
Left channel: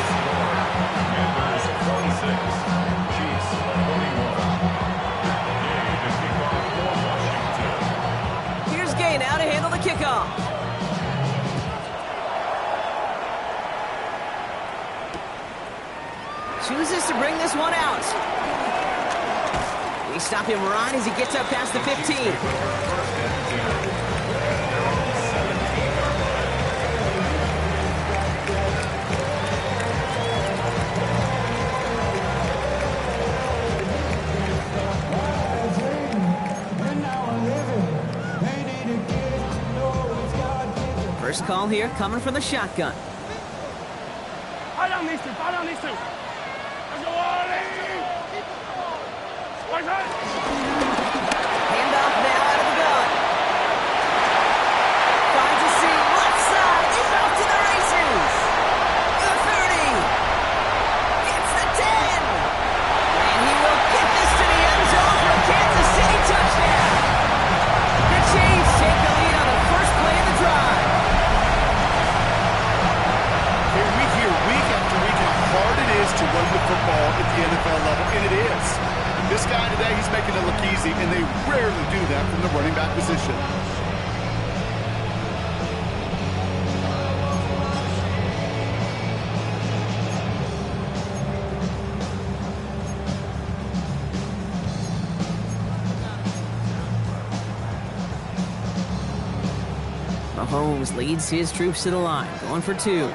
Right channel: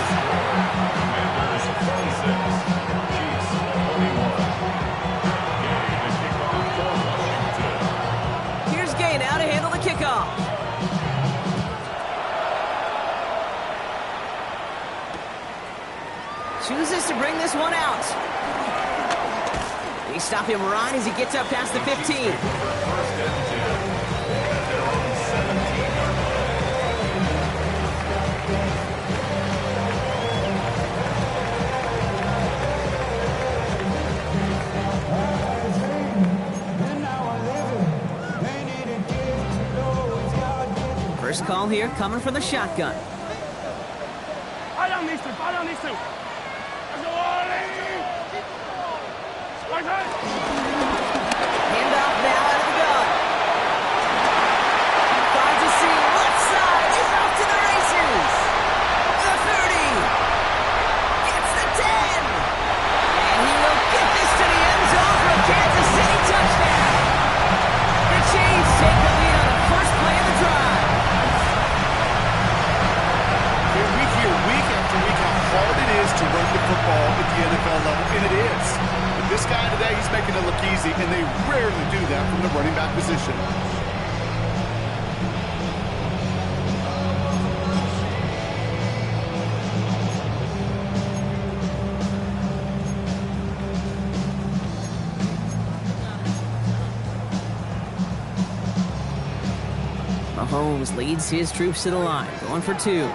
Commanders 46, Chiefs 21. Gay to kick off for Washington. Here's Gay now to handle the kickoff. Chooses to bring this one out. They stop him right as he gets up past the 15. 1st and 10. At their own 17-yard line. First call here coming from the shotgun. Fire down these 2. Fire down these 2. Let's go, Ollie. Handoff now out of the gun. Finds a seam, left side, he's off to the races. The 30. Gets the 10. And he will get this to the end zone for a Kansas City touchdown. The Chiefs take the lead on the first play of the drive. Here we hear week after week how hard it is to run the football at the NFL level, and it is. This guy today, he's making it look easy, and they rarely do that from the running back position. Mahomes leads his troops to the line, going for 2. The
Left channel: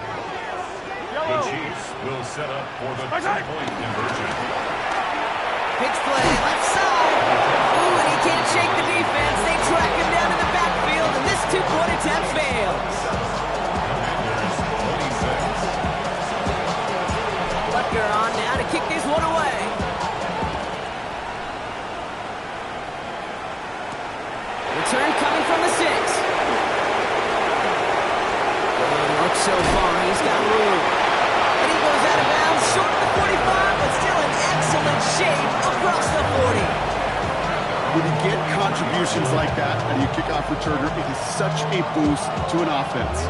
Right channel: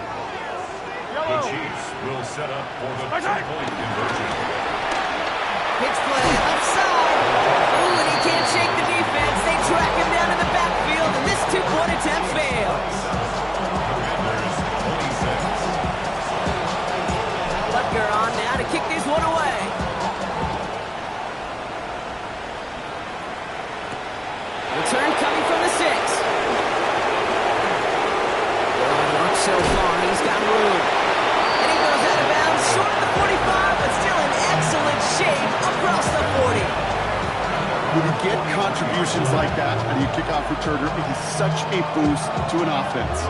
Chiefs will set up for the 2-point conversion. Pitch play, left side. Ooh, and he can't shake the defense. They track him down in the backfield, and this 2-point attempt fails. Commanders 26. Butker on now to kick this one away. so far. He's got room. And he goes out of bounds, short of the 45, but still in excellent shape across the 40. When you get contributions like that out of your kickoff returner, it is such a boost to an offense.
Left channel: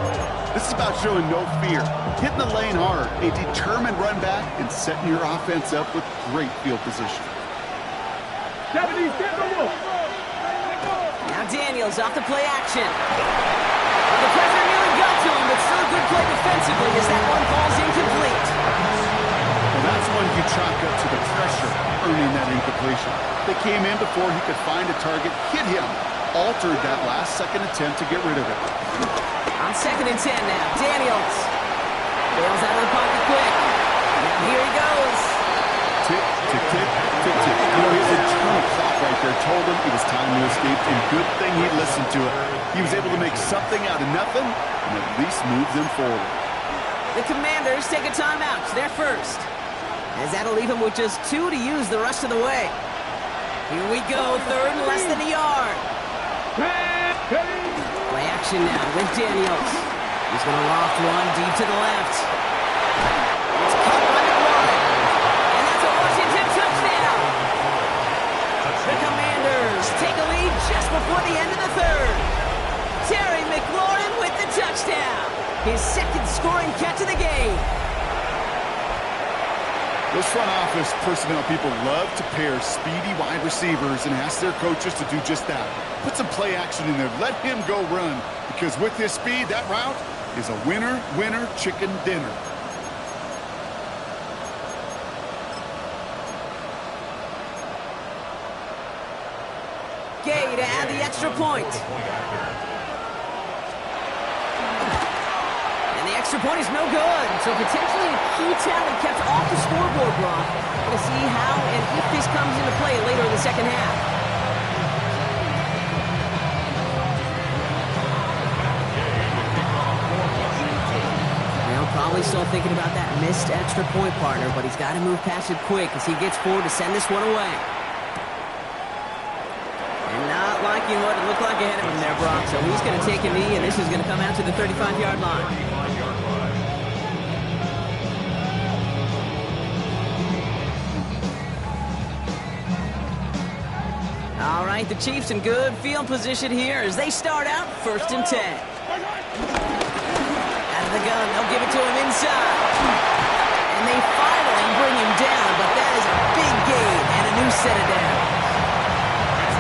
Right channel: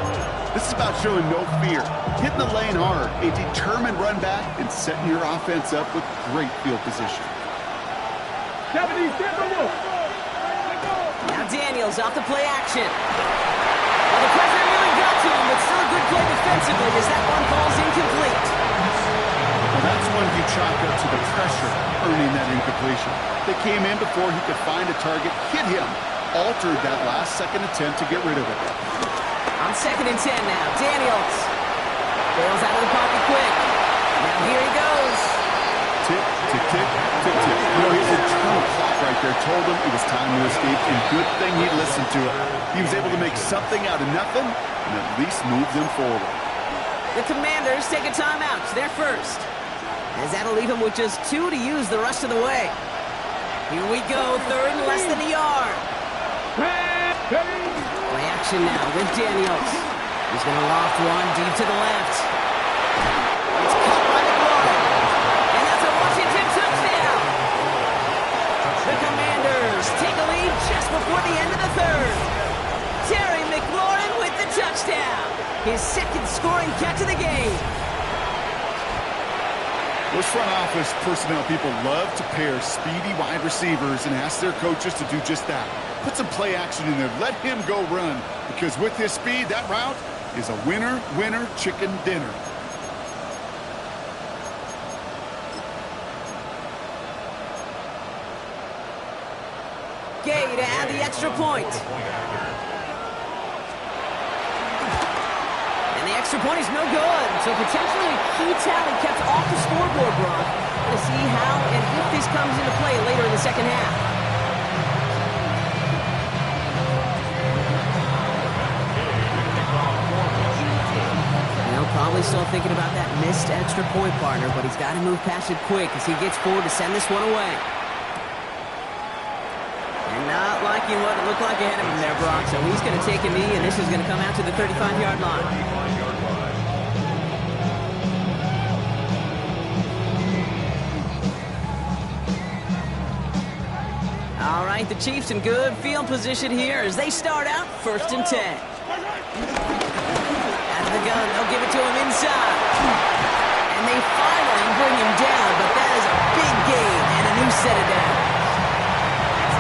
This is about showing no fear, hitting the lane hard, a determined run back, and setting your offense up with great field position. Now Daniels off the play action. Well, the pressure nearly got to him, but still a good play defensively as that one falls incomplete. Well, that's one you chalk up to the pressure earning that incompletion. They came in before he could find a target, hit him, altered that last-second attempt to get rid of it. On 2nd and 10 now, Daniels bails out of the pocket quick. Now here he goes. Tick, tick, tick, tick, tick. You know, his internal clock right there told him it was time to escape, and good thing he listened to it. He was able to make something out of nothing and at least move them forward. The Commanders take a timeout. They're first. As that'll leave him with just 2 to use the rest of the way. Here we go, 3rd and less than a yard. Play action now with Daniels. He's going to loft one deep to the left. It's caught by McLaurin. And that's a Washington touchdown. The Commanders take a lead just before the end of the 3rd. Terry McLaurin with the touchdown. His 2nd scoring catch of the game. Those front office personnel people love to pair speedy wide receivers and ask their coaches to do just that. Put some play action in there. Let him go run. Because with his speed, that route is a winner, winner, chicken dinner. Gay to add the extra point. And the extra point is no good. So potentially a key tally kept off the scoreboard, Brock. To see how and if this comes into play later in the 2nd half. Well, probably still thinking about that missed extra point, partner, but he's got to move past it quick as he gets forward to send this one away. And not liking what it looked like ahead of him there, Brock. So he's going to take a knee, and this is going to come out to the 35-yard line. All right, the Chiefs in good field position here as they start out 1st and 10. Out of the gun, they'll give it to him inside. And they finally bring him down, but that is a big gain and a new set of downs.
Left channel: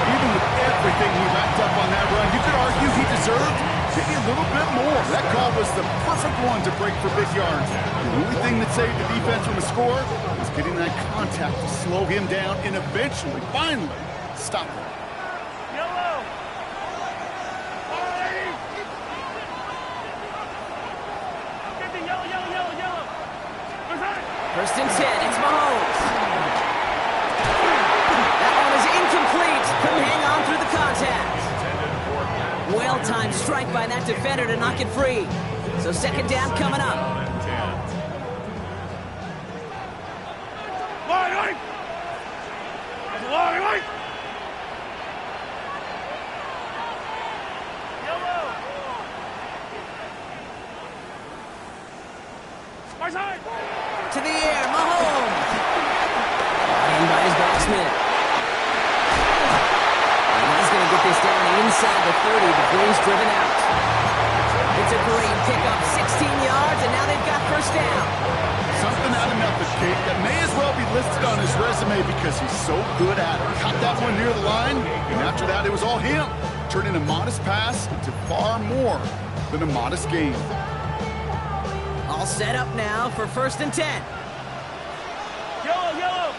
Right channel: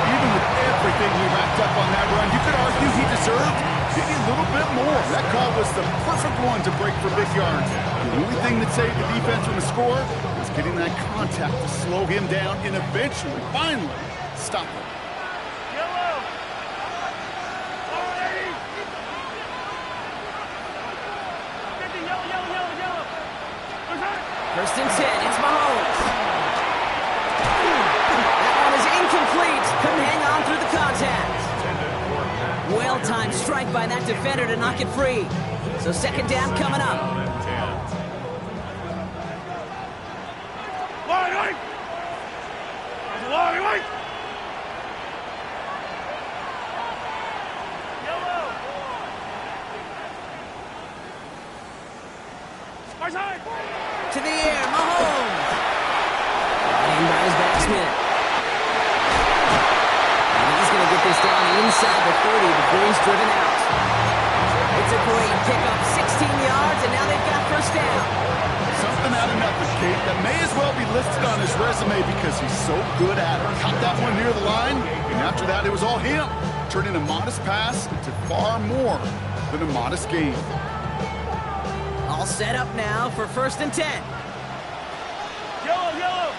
Even with everything he racked up on that run, you could argue he deserved maybe a little bit more. That call was the perfect one to break for big yards. The only thing that saved the defense from a score was getting that contact to slow him down and eventually, finally, stop him. Yellow. Yellow. 1st and 10, it's Mahomes. That one is incomplete. Couldn't hang on through the contact. Well-timed strike by that defender to knock it free. So 2nd down coming up. Line. Yellow. To the air, Mahomes. Brought in by his batsman. And he's going to get this down inside the 30 before he's driven out. It's a great pickup, 16 yards, and now they've got 1st down. Something out of nothing, Kate, that may as well be listed on his resume because he's so good at it. Caught that one near the line, and after that, it was all him. Turning a modest pass into far more than a modest gain. All set up now for 1st and 10. Yellow.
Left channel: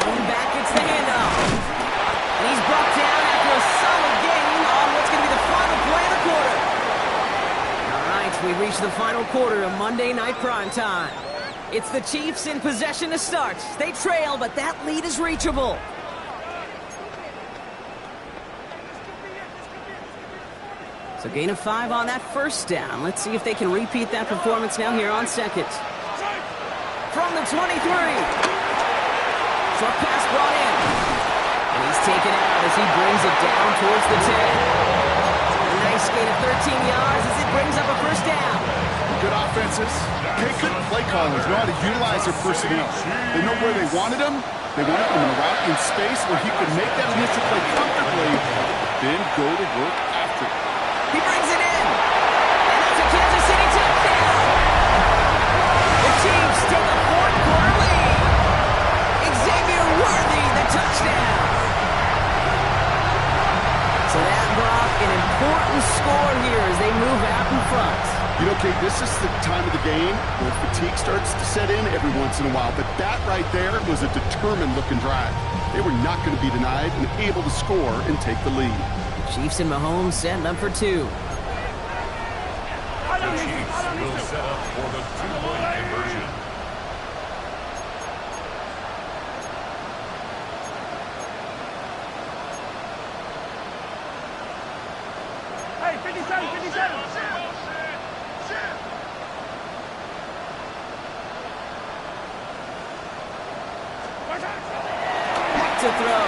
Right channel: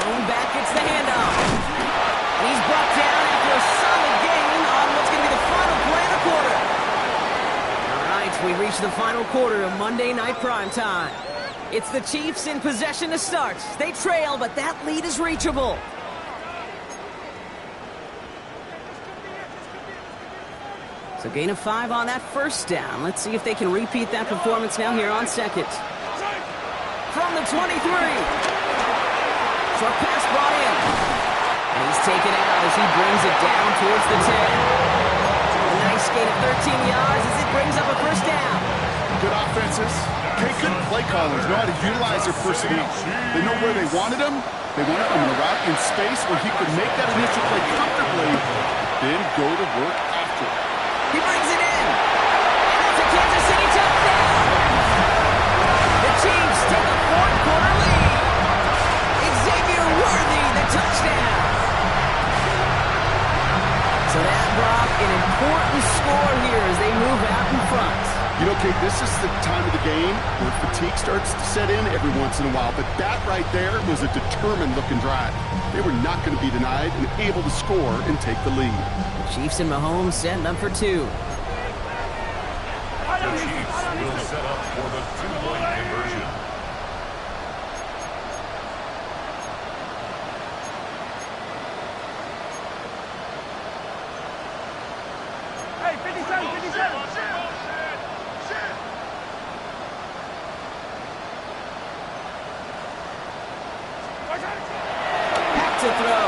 Thrown back, it's the handoff. And he's brought down after a solid gain on what's going to be the final play of the quarter. All right, we reach the final quarter of Monday Night Primetime. It's the Chiefs in possession to start. They trail, but that lead is reachable. So gain of 5 on that 1st down. Let's see if they can repeat that performance now here on 2nd. From the 23. Short pass brought in. And he's taken out as he brings it down towards the 10. A nice gain of 13 yards as it brings up a first down. Good offenses. Okay, good play callers know how to utilize their personnel. They know where they wanted him. They wanted him in a route in space where he could make that initial play comfortably, then go to work after it. He brings it in. And that's a Kansas City touchdown. The Chiefs take a fourth-quarter lead. Xavier Worthy, the touchdown. So that brought an important score here as they move out in front. You know, Kate, this is the time of the game where fatigue starts to set in every once in a while. But that right there was a determined-looking drive. They were not going to be denied and able to score and take the lead. The Chiefs and Mahomes setting up for two. The Chiefs will set up for the two-point conversion. Hey, 57, 57. Back to throw.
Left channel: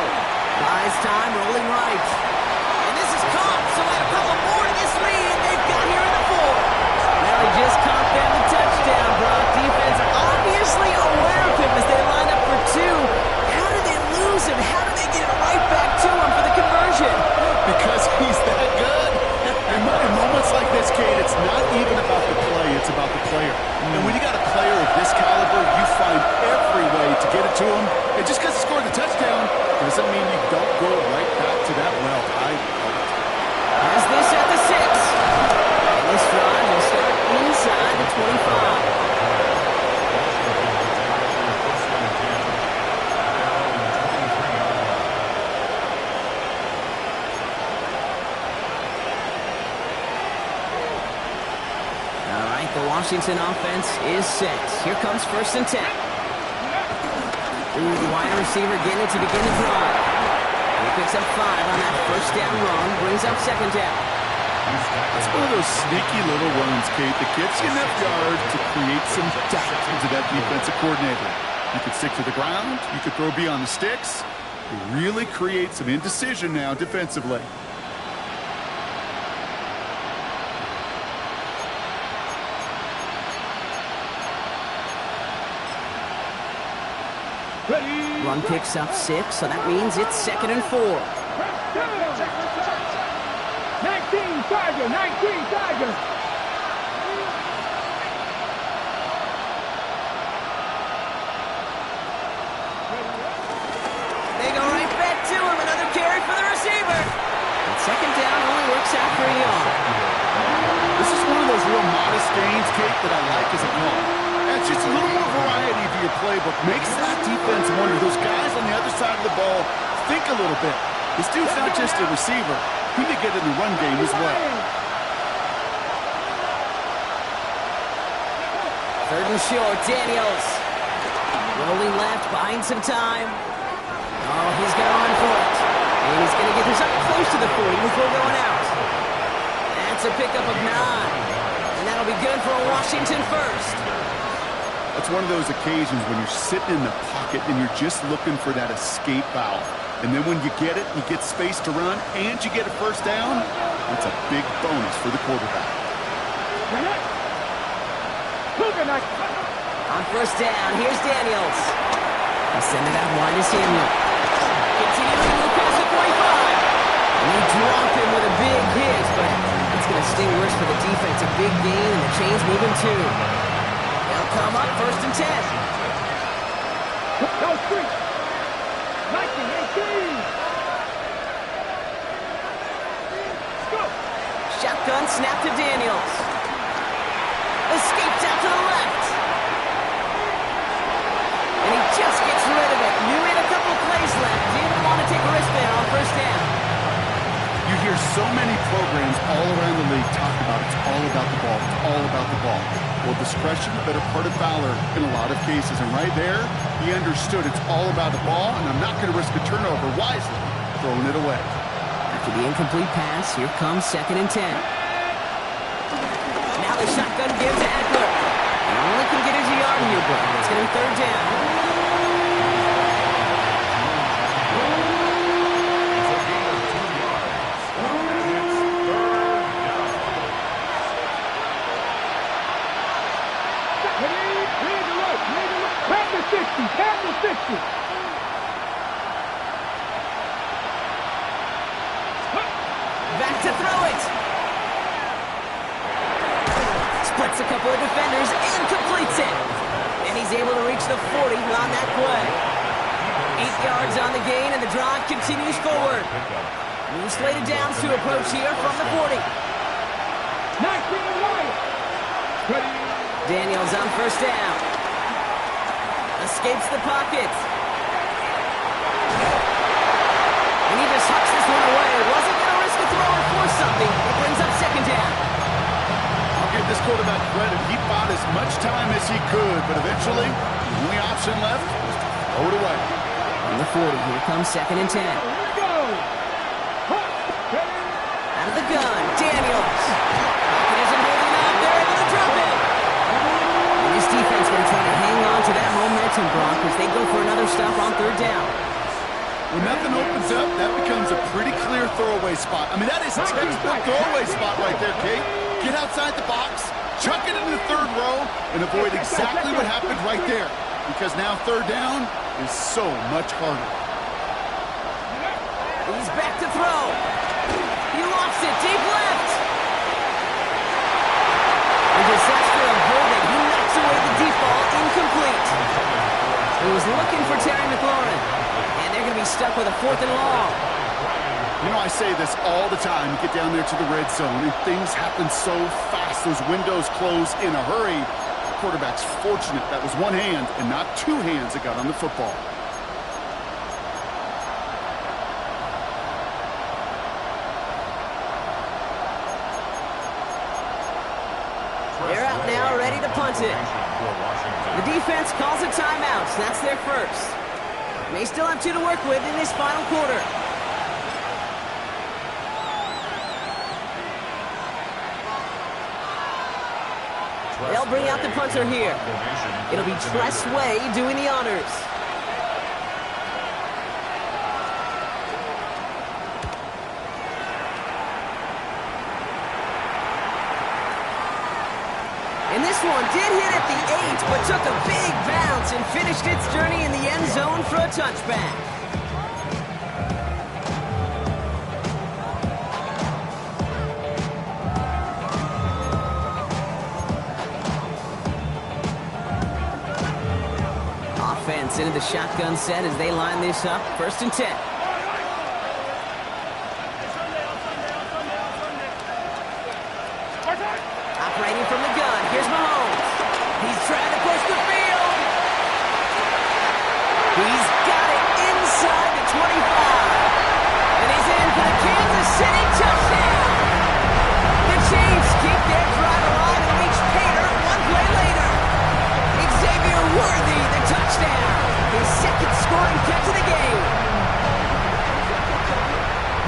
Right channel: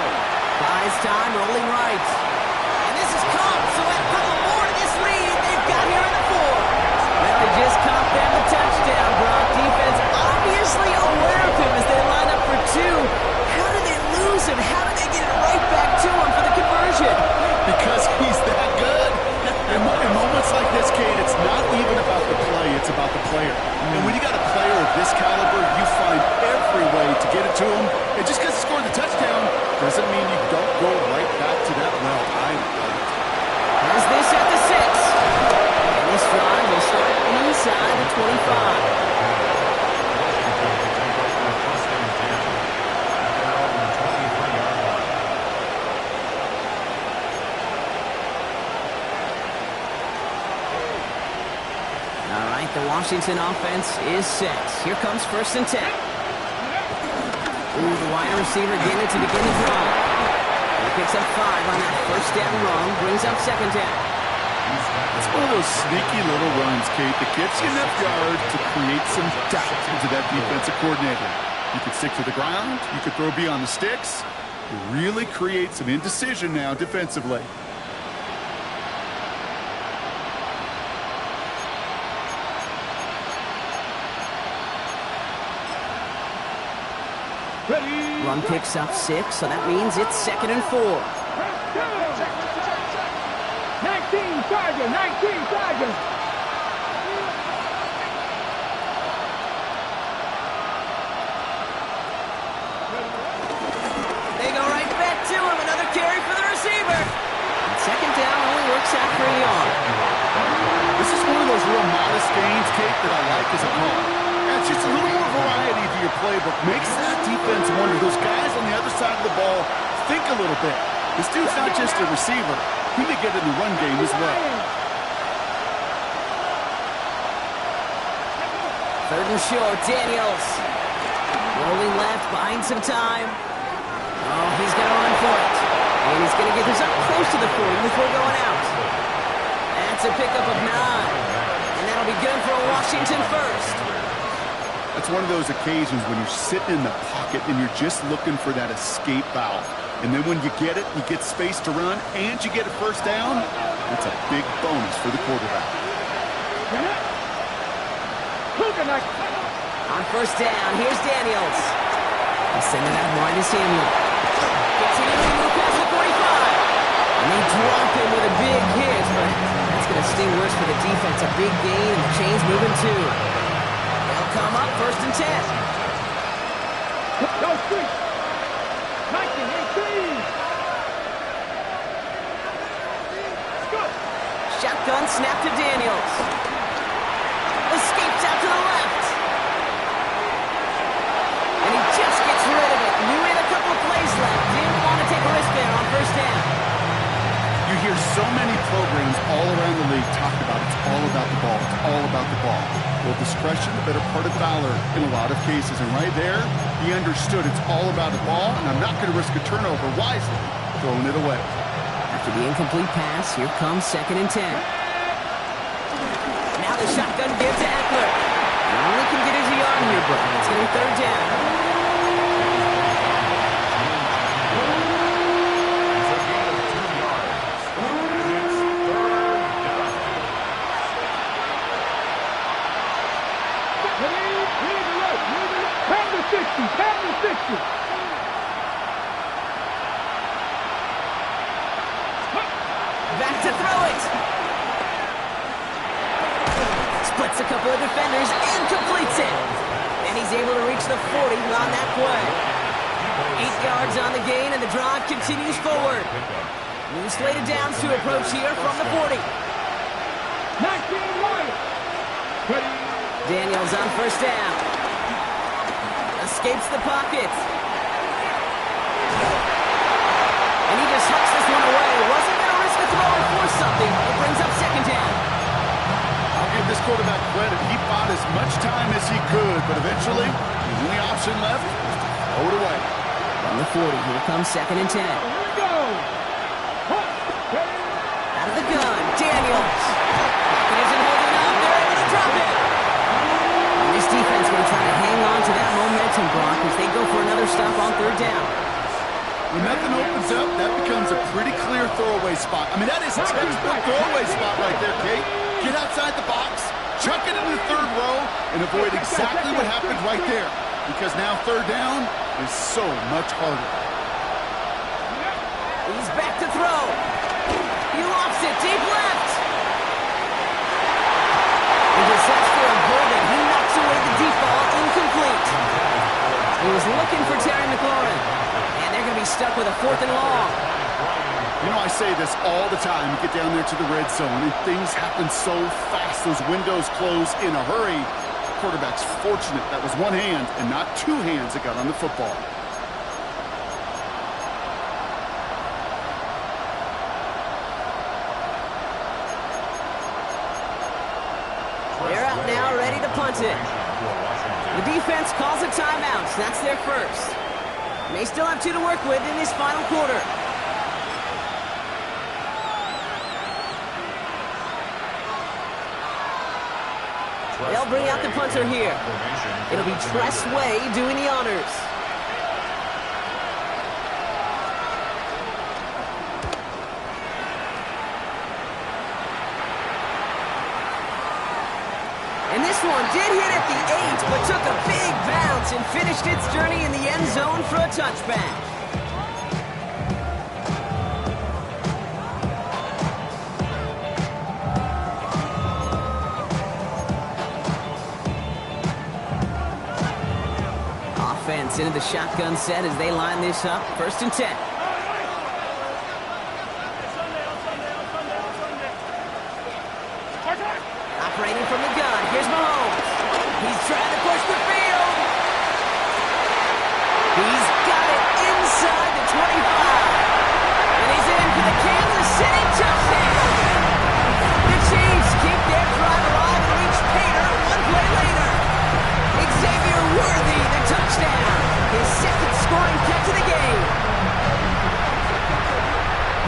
Buys time, rolling right. And this is caught, so add a couple more to this lead they've got here in the fourth. Well, he just caught them the touchdown, Brock. Defense obviously aware of him as they line up for two. How did they lose him? How did they get it right back to him for the conversion? Because he's that good. In moments like this, Kate, it's not even about the play, it's about the player. And when you got a player of this caliber, you find every way to get it to him. And just because he scored the touchdown doesn't mean you don't go right back to that well. I love it. Has this at the 6. And this drive will start inside the 25. The Washington offense is set. Here comes 1st and 10. Ooh, the wide receiver getting it to begin the drive. He picks up 5 on that first down run, brings up 2nd down. It's one of those sneaky little runs, Kate, that gets you enough yards to create some doubt into that defensive coordinator. You could stick to the ground, you could throw beyond the sticks. You really create some indecision now defensively. Run picks up 6, so that means it's 2nd and 4. 19 Tiger, 19 Tiger. They go right back to him. Another carry for the receiver. And 2nd down only works out for a yard. This is one of those real modest gains, Kate, that I like as a call. It's just a little more variety to your playbook. Makes that defense wonder. Those guys on the other side of the ball think a little bit. This dude's not just a receiver. He may get in the run game as well. 3rd and short, Daniels. Rolling left, buying some time. Oh, he's going to run for it. And he's going to get this up close to the 40 before going out. That's a pickup of 9. And that'll be good for a Washington first. That's one of those occasions when you're sitting in the pocket and you're just looking for that escape valve. And then when you get it, you get space to run, and you get a first down, that's a big bonus for the quarterback. On 1st down, here's Daniels. He's sending out wide to Samuel. Continuing to move past the 45. And they drop him with a big hit, but that's going to sting worse for the defense. A big gain, and the chain's moving too. They'll come up 1st and 10. Go street. 1918. Let's go. Shotgun snap to Daniels. Escapes out to the left. And he just gets rid of it. Knew he had a couple of plays left. Didn't want to take a risk there on 1st down. You hear so many programs all around the league talk about it's all about the ball. It's all about the ball. Well, discretion, the better part of valor in a lot of cases. And right there, he understood it's all about the ball, and I'm not going to risk a turnover wisely, throwing it away. After the incomplete pass, here comes 2nd and 10. Now the shotgun gives to Eckler. And only can get his yard here, but it's going to be 3rd down. Back to throw it. Splits a couple of defenders and completes it. And he's able to reach the 40 on that play. 8 yards on the gain, and the drive continues forward. New slated downs to approach here from the 40. Daniels on first down. Escapes the pocket. And he just hucks this one away. Wasn't going to risk a throw or force something. It brings up second down. I'll give this quarterback credit. He bought as much time as he could, but eventually, the only option left was to throw it away. On the 40, here comes second and 10. Here we go. Out of the gun, Daniels. Pocket isn't holding up. They're able to drop it. And this defense going to try to hang on to that momentum, Brock, as they go for another stop on third down. When nothing opens up, that becomes a pretty clear throwaway spot. I mean, that is a textbook throwaway spot right there, Kate. Get outside the box, chuck it into the third row, and avoid exactly what happened right there. Because now third down is so much harder. He's back to throw. He lofts it deep left. A disaster averted. He knocks away the deep ball, incomplete. He was looking for Terry McLaurin, and they're going to be stuck with a 4th and long. You know, I say this all the time. You get down there to the red zone, and things happen so fast. Those windows close in a hurry. The quarterback's fortunate that was one hand and not two hands that got on the football. They're out now, ready to punt it. The defense calls a timeout. That's their first. May still have 2 to work with in this final quarter. They'll bring out the punter here. It'll be Tress Way doing the honors. And this one did hit at the 8, but took a big bounce and finished its journey in the end zone for a touchback. Offense into the shotgun set as they line this up. 1st and 10. Operating from the gun, here's Mahomes. He's trying to push the field. He's got it inside the 25. And he's in for the Kansas City touchdown. The Cheifs keep their drive alive and reach Pater 1 play later. Xavier Worthy, the touchdown. His 2nd scoring catch of the game.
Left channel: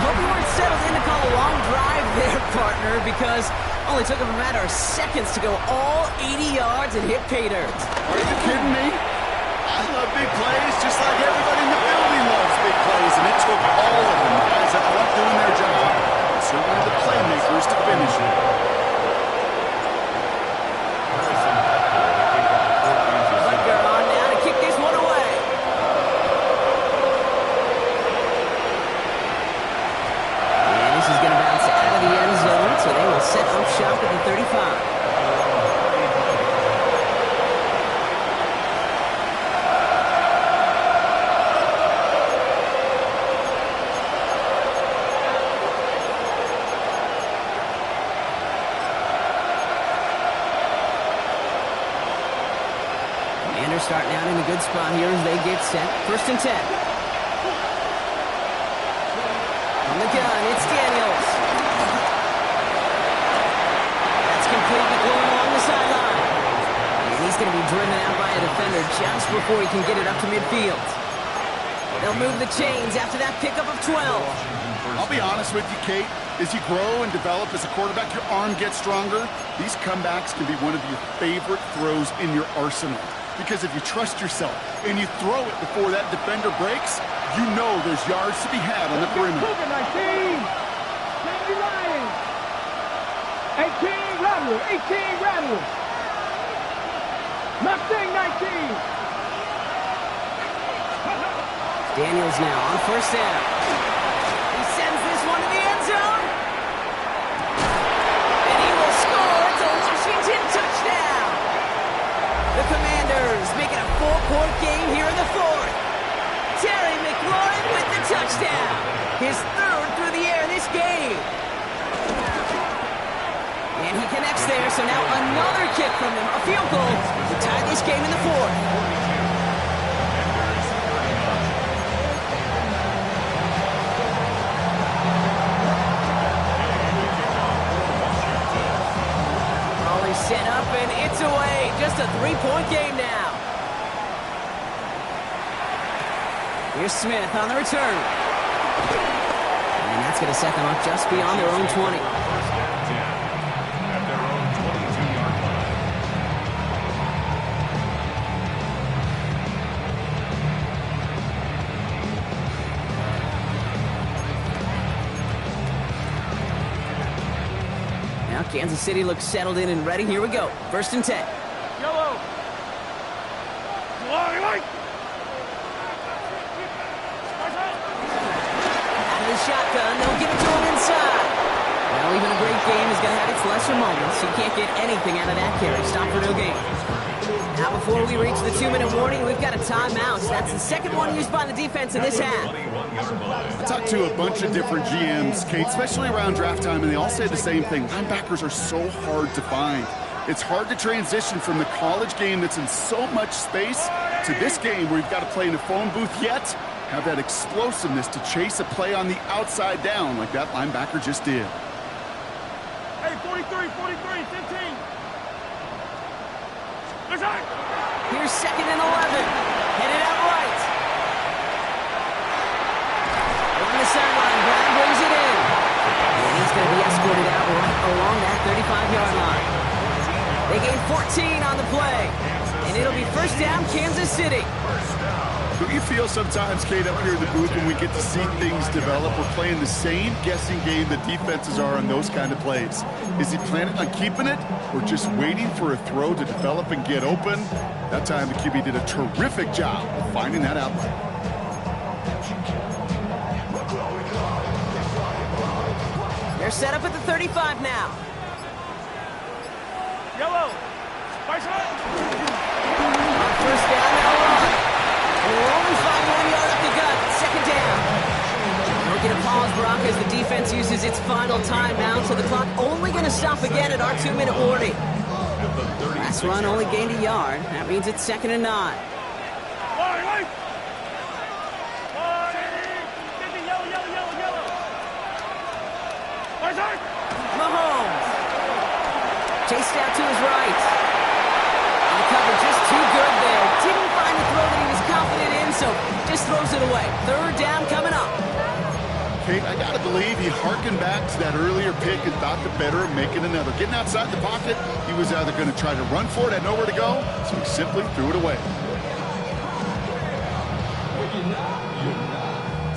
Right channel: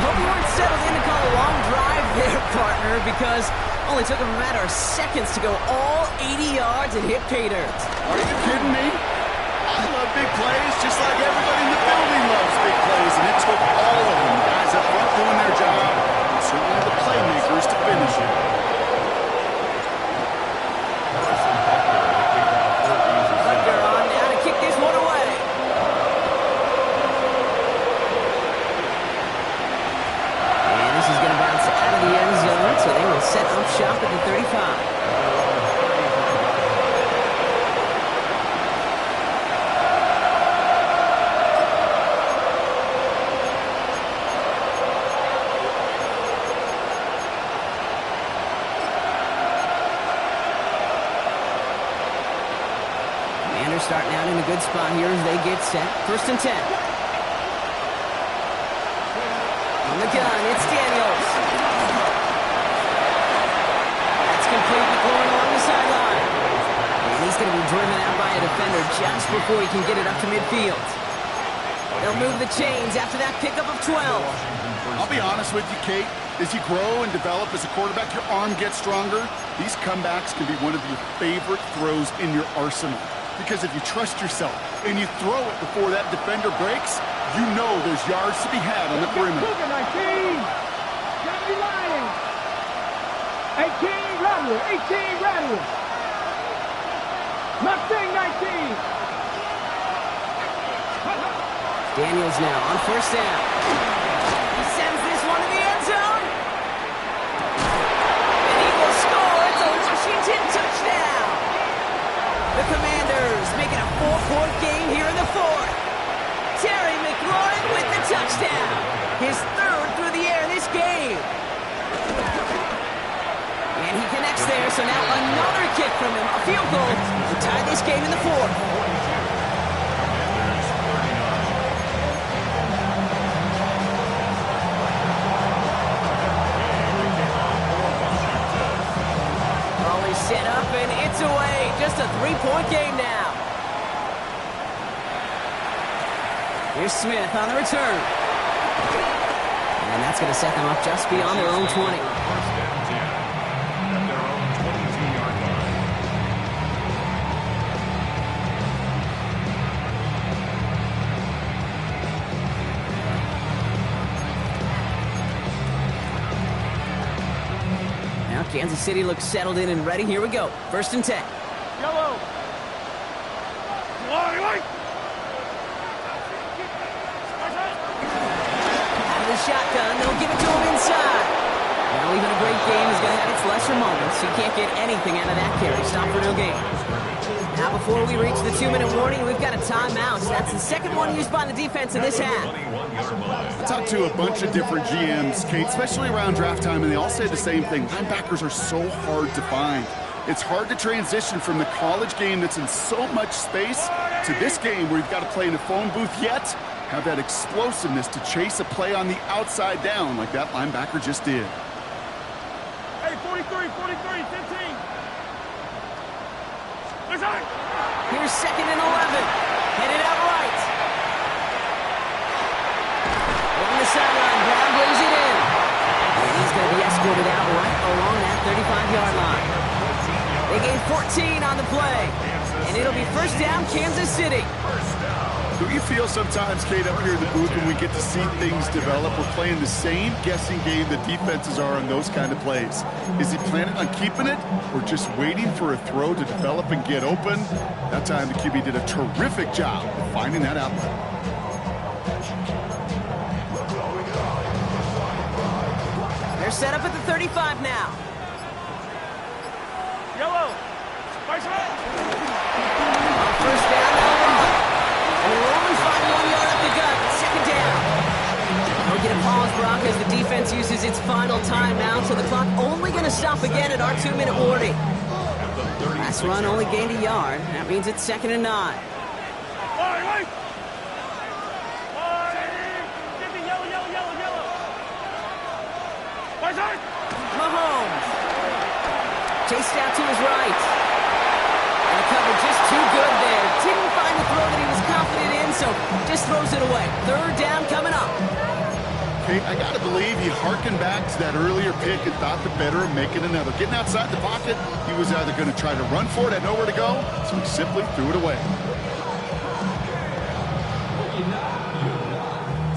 Hope you weren't settled in to call a long drive there, partner, because only took him a matter of seconds to go all 80 yards and hit pay dirt. Are you kidding me? I love big plays just like everybody in the building loves big plays, and it took all of them, guys up front doing their job, and certainly the playmakers to finish it. Butker on now to kick this one away. And this is going to bounce out of the end zone, so they will set up shop at the 35. Commanders starting out in a good spot here as they get set. 1st and 10. On the gun, it's Daniels. That's complete. McLaurin along the sideline. And he's going to be driven out by a defender just before he can get it up to midfield. They'll move the chains after that pickup of 12. I'll be honest with you, Kate. As you grow and develop as a quarterback, your arm gets stronger. These comebacks can be one of your favorite throws in your arsenal. Because if you trust yourself and you throw it before that defender breaks, you know there's yards to be had on the perimeter. 19. 70 Lions. 18 Rattlers. 18 Rattlers. Mustang 19. Daniels now on first down. He sends this one to the end zone. And he will score. It's a Washington touchdown. The Commanders make it a 4-point game here in the fourth. Terry McLaurin with the touchdown. His third through the air this game. And he connects there, so now another kick from him. A field goal to tie this game in the fourth. 42. Commanders 39. Raleigh set up, and it's away. Just a 3-point game now. Here's Smith on the return. And that's going to set them up just beyond their own 20. First and 10 at their own 22-yard line. Now Kansas City looks settled in and ready. Here we go. First and 10. Yellow. Out of the shotgun, they'll give it to him inside. Well, even a great game is going to have its lesser moments. You can't get anything out of that carry. Stop for no gain. Now, before we reach the 2-minute warning, we've got a timeout. That's the second one used by the defense in this half. I talked to a bunch of different GMs, Kate, especially around draft time, and they all say the same thing. Linebackers are so hard to find. It's hard to transition from the college game that's in so much space to this game where you've got to play in a phone booth, yet have that explosiveness to chase a play on the outside down like that linebacker just did. Hey, 43, 15. Here's second and 11. Headed out right. Along the sideline, Brown brings it in. And he's going to be escorted out right along that 35-yard line. They gain 14 on the play. And it'll be first down, Kansas City. Do you feel sometimes, Kate, up here in the booth when we get to see things develop, we're playing the same guessing game the defenses are on those kind of plays? Is he planning on keeping it or just waiting for a throw to develop and get open? That time the QB did a terrific job of finding that outlet. They're set up at the 35 now. Yellow. On first down, they'll run. And we'll only find 1 yard up the gut. Second down. They'll get a pause, Brock, as the defense uses its final timeout, so the clock only going to stop again at our 2-minute warning. Last run only gained a yard. That means it's second and 9. Mahomes. Chased out to his right. And the cover just too good there. Didn't find the throw that he was confident in, so just throws it away. Third down coming up. Kate, I got to believe he harkened back to that earlier pick and thought the better of making another. Getting outside the pocket, he was either going to try to run for it, had nowhere to go, so he simply threw it away.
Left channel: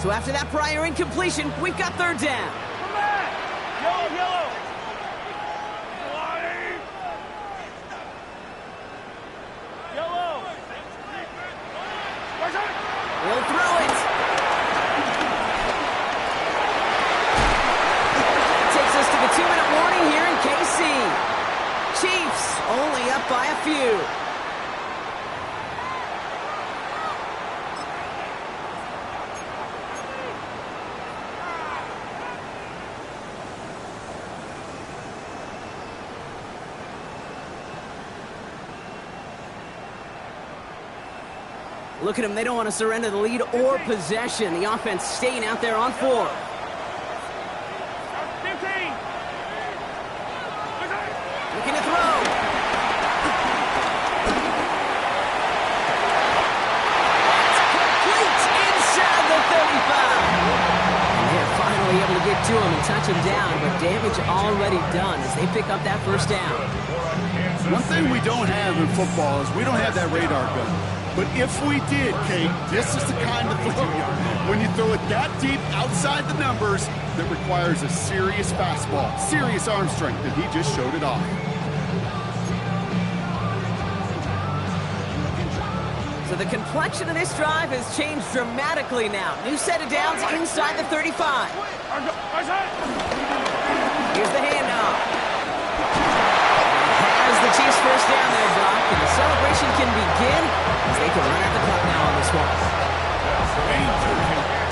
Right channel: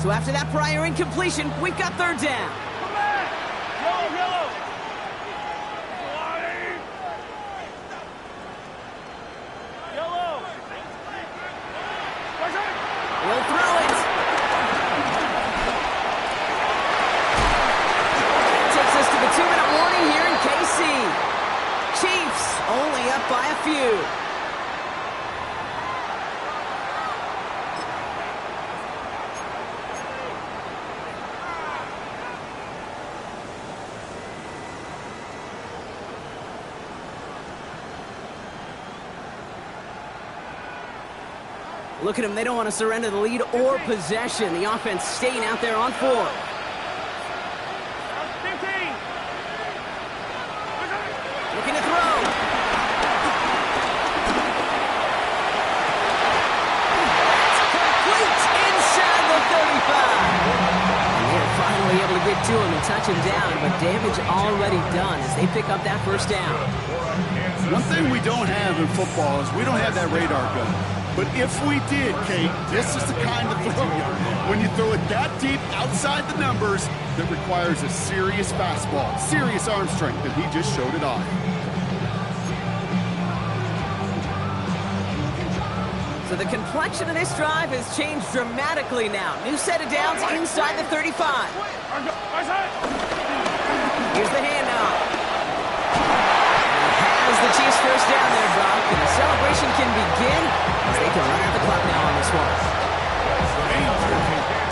So after that prior incompletion, we've got third down. Come back! Yellow! Yellow! He'll throw it. That takes us to the 2-minute warning here in KC. Chiefs only up by a few. Look at them. They don't want to surrender the lead or possession. The offense staying out there on 4. 15! Looking to throw. That's complete inside the 35. And they're finally able to get to him and touch him down, but damage already done as they pick up that first down. One thing we don't have in football is we don't have that radar gun. But if we did, Kate, this is the kind of throw, when you throw it that deep outside the numbers, that requires a serious fastball, serious arm strength, and he just showed it off. So the complexion of this drive has changed dramatically now. New set of downs inside the 35. Here's the handoff. And has the Chiefs first down there, Brock. And the celebration can begin as they can run out the clock now on this one.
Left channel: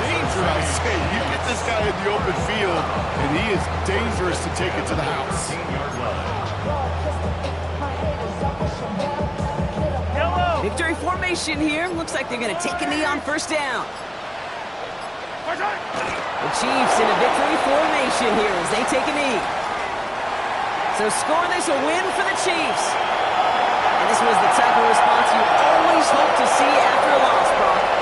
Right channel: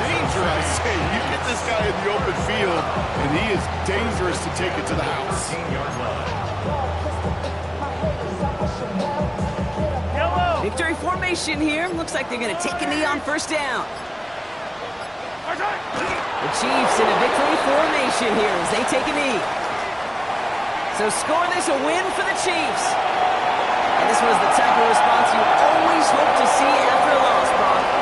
Danger, I say. You get this guy in the open field, and he is dangerous to take it to the house. 15-yard line. Victory formation here. Looks like they're going to take a knee on first down. The Chiefs in a victory formation here as they take a knee. So score this a win for the Chiefs. And this was the type of response you always hope to see after a loss, Brock.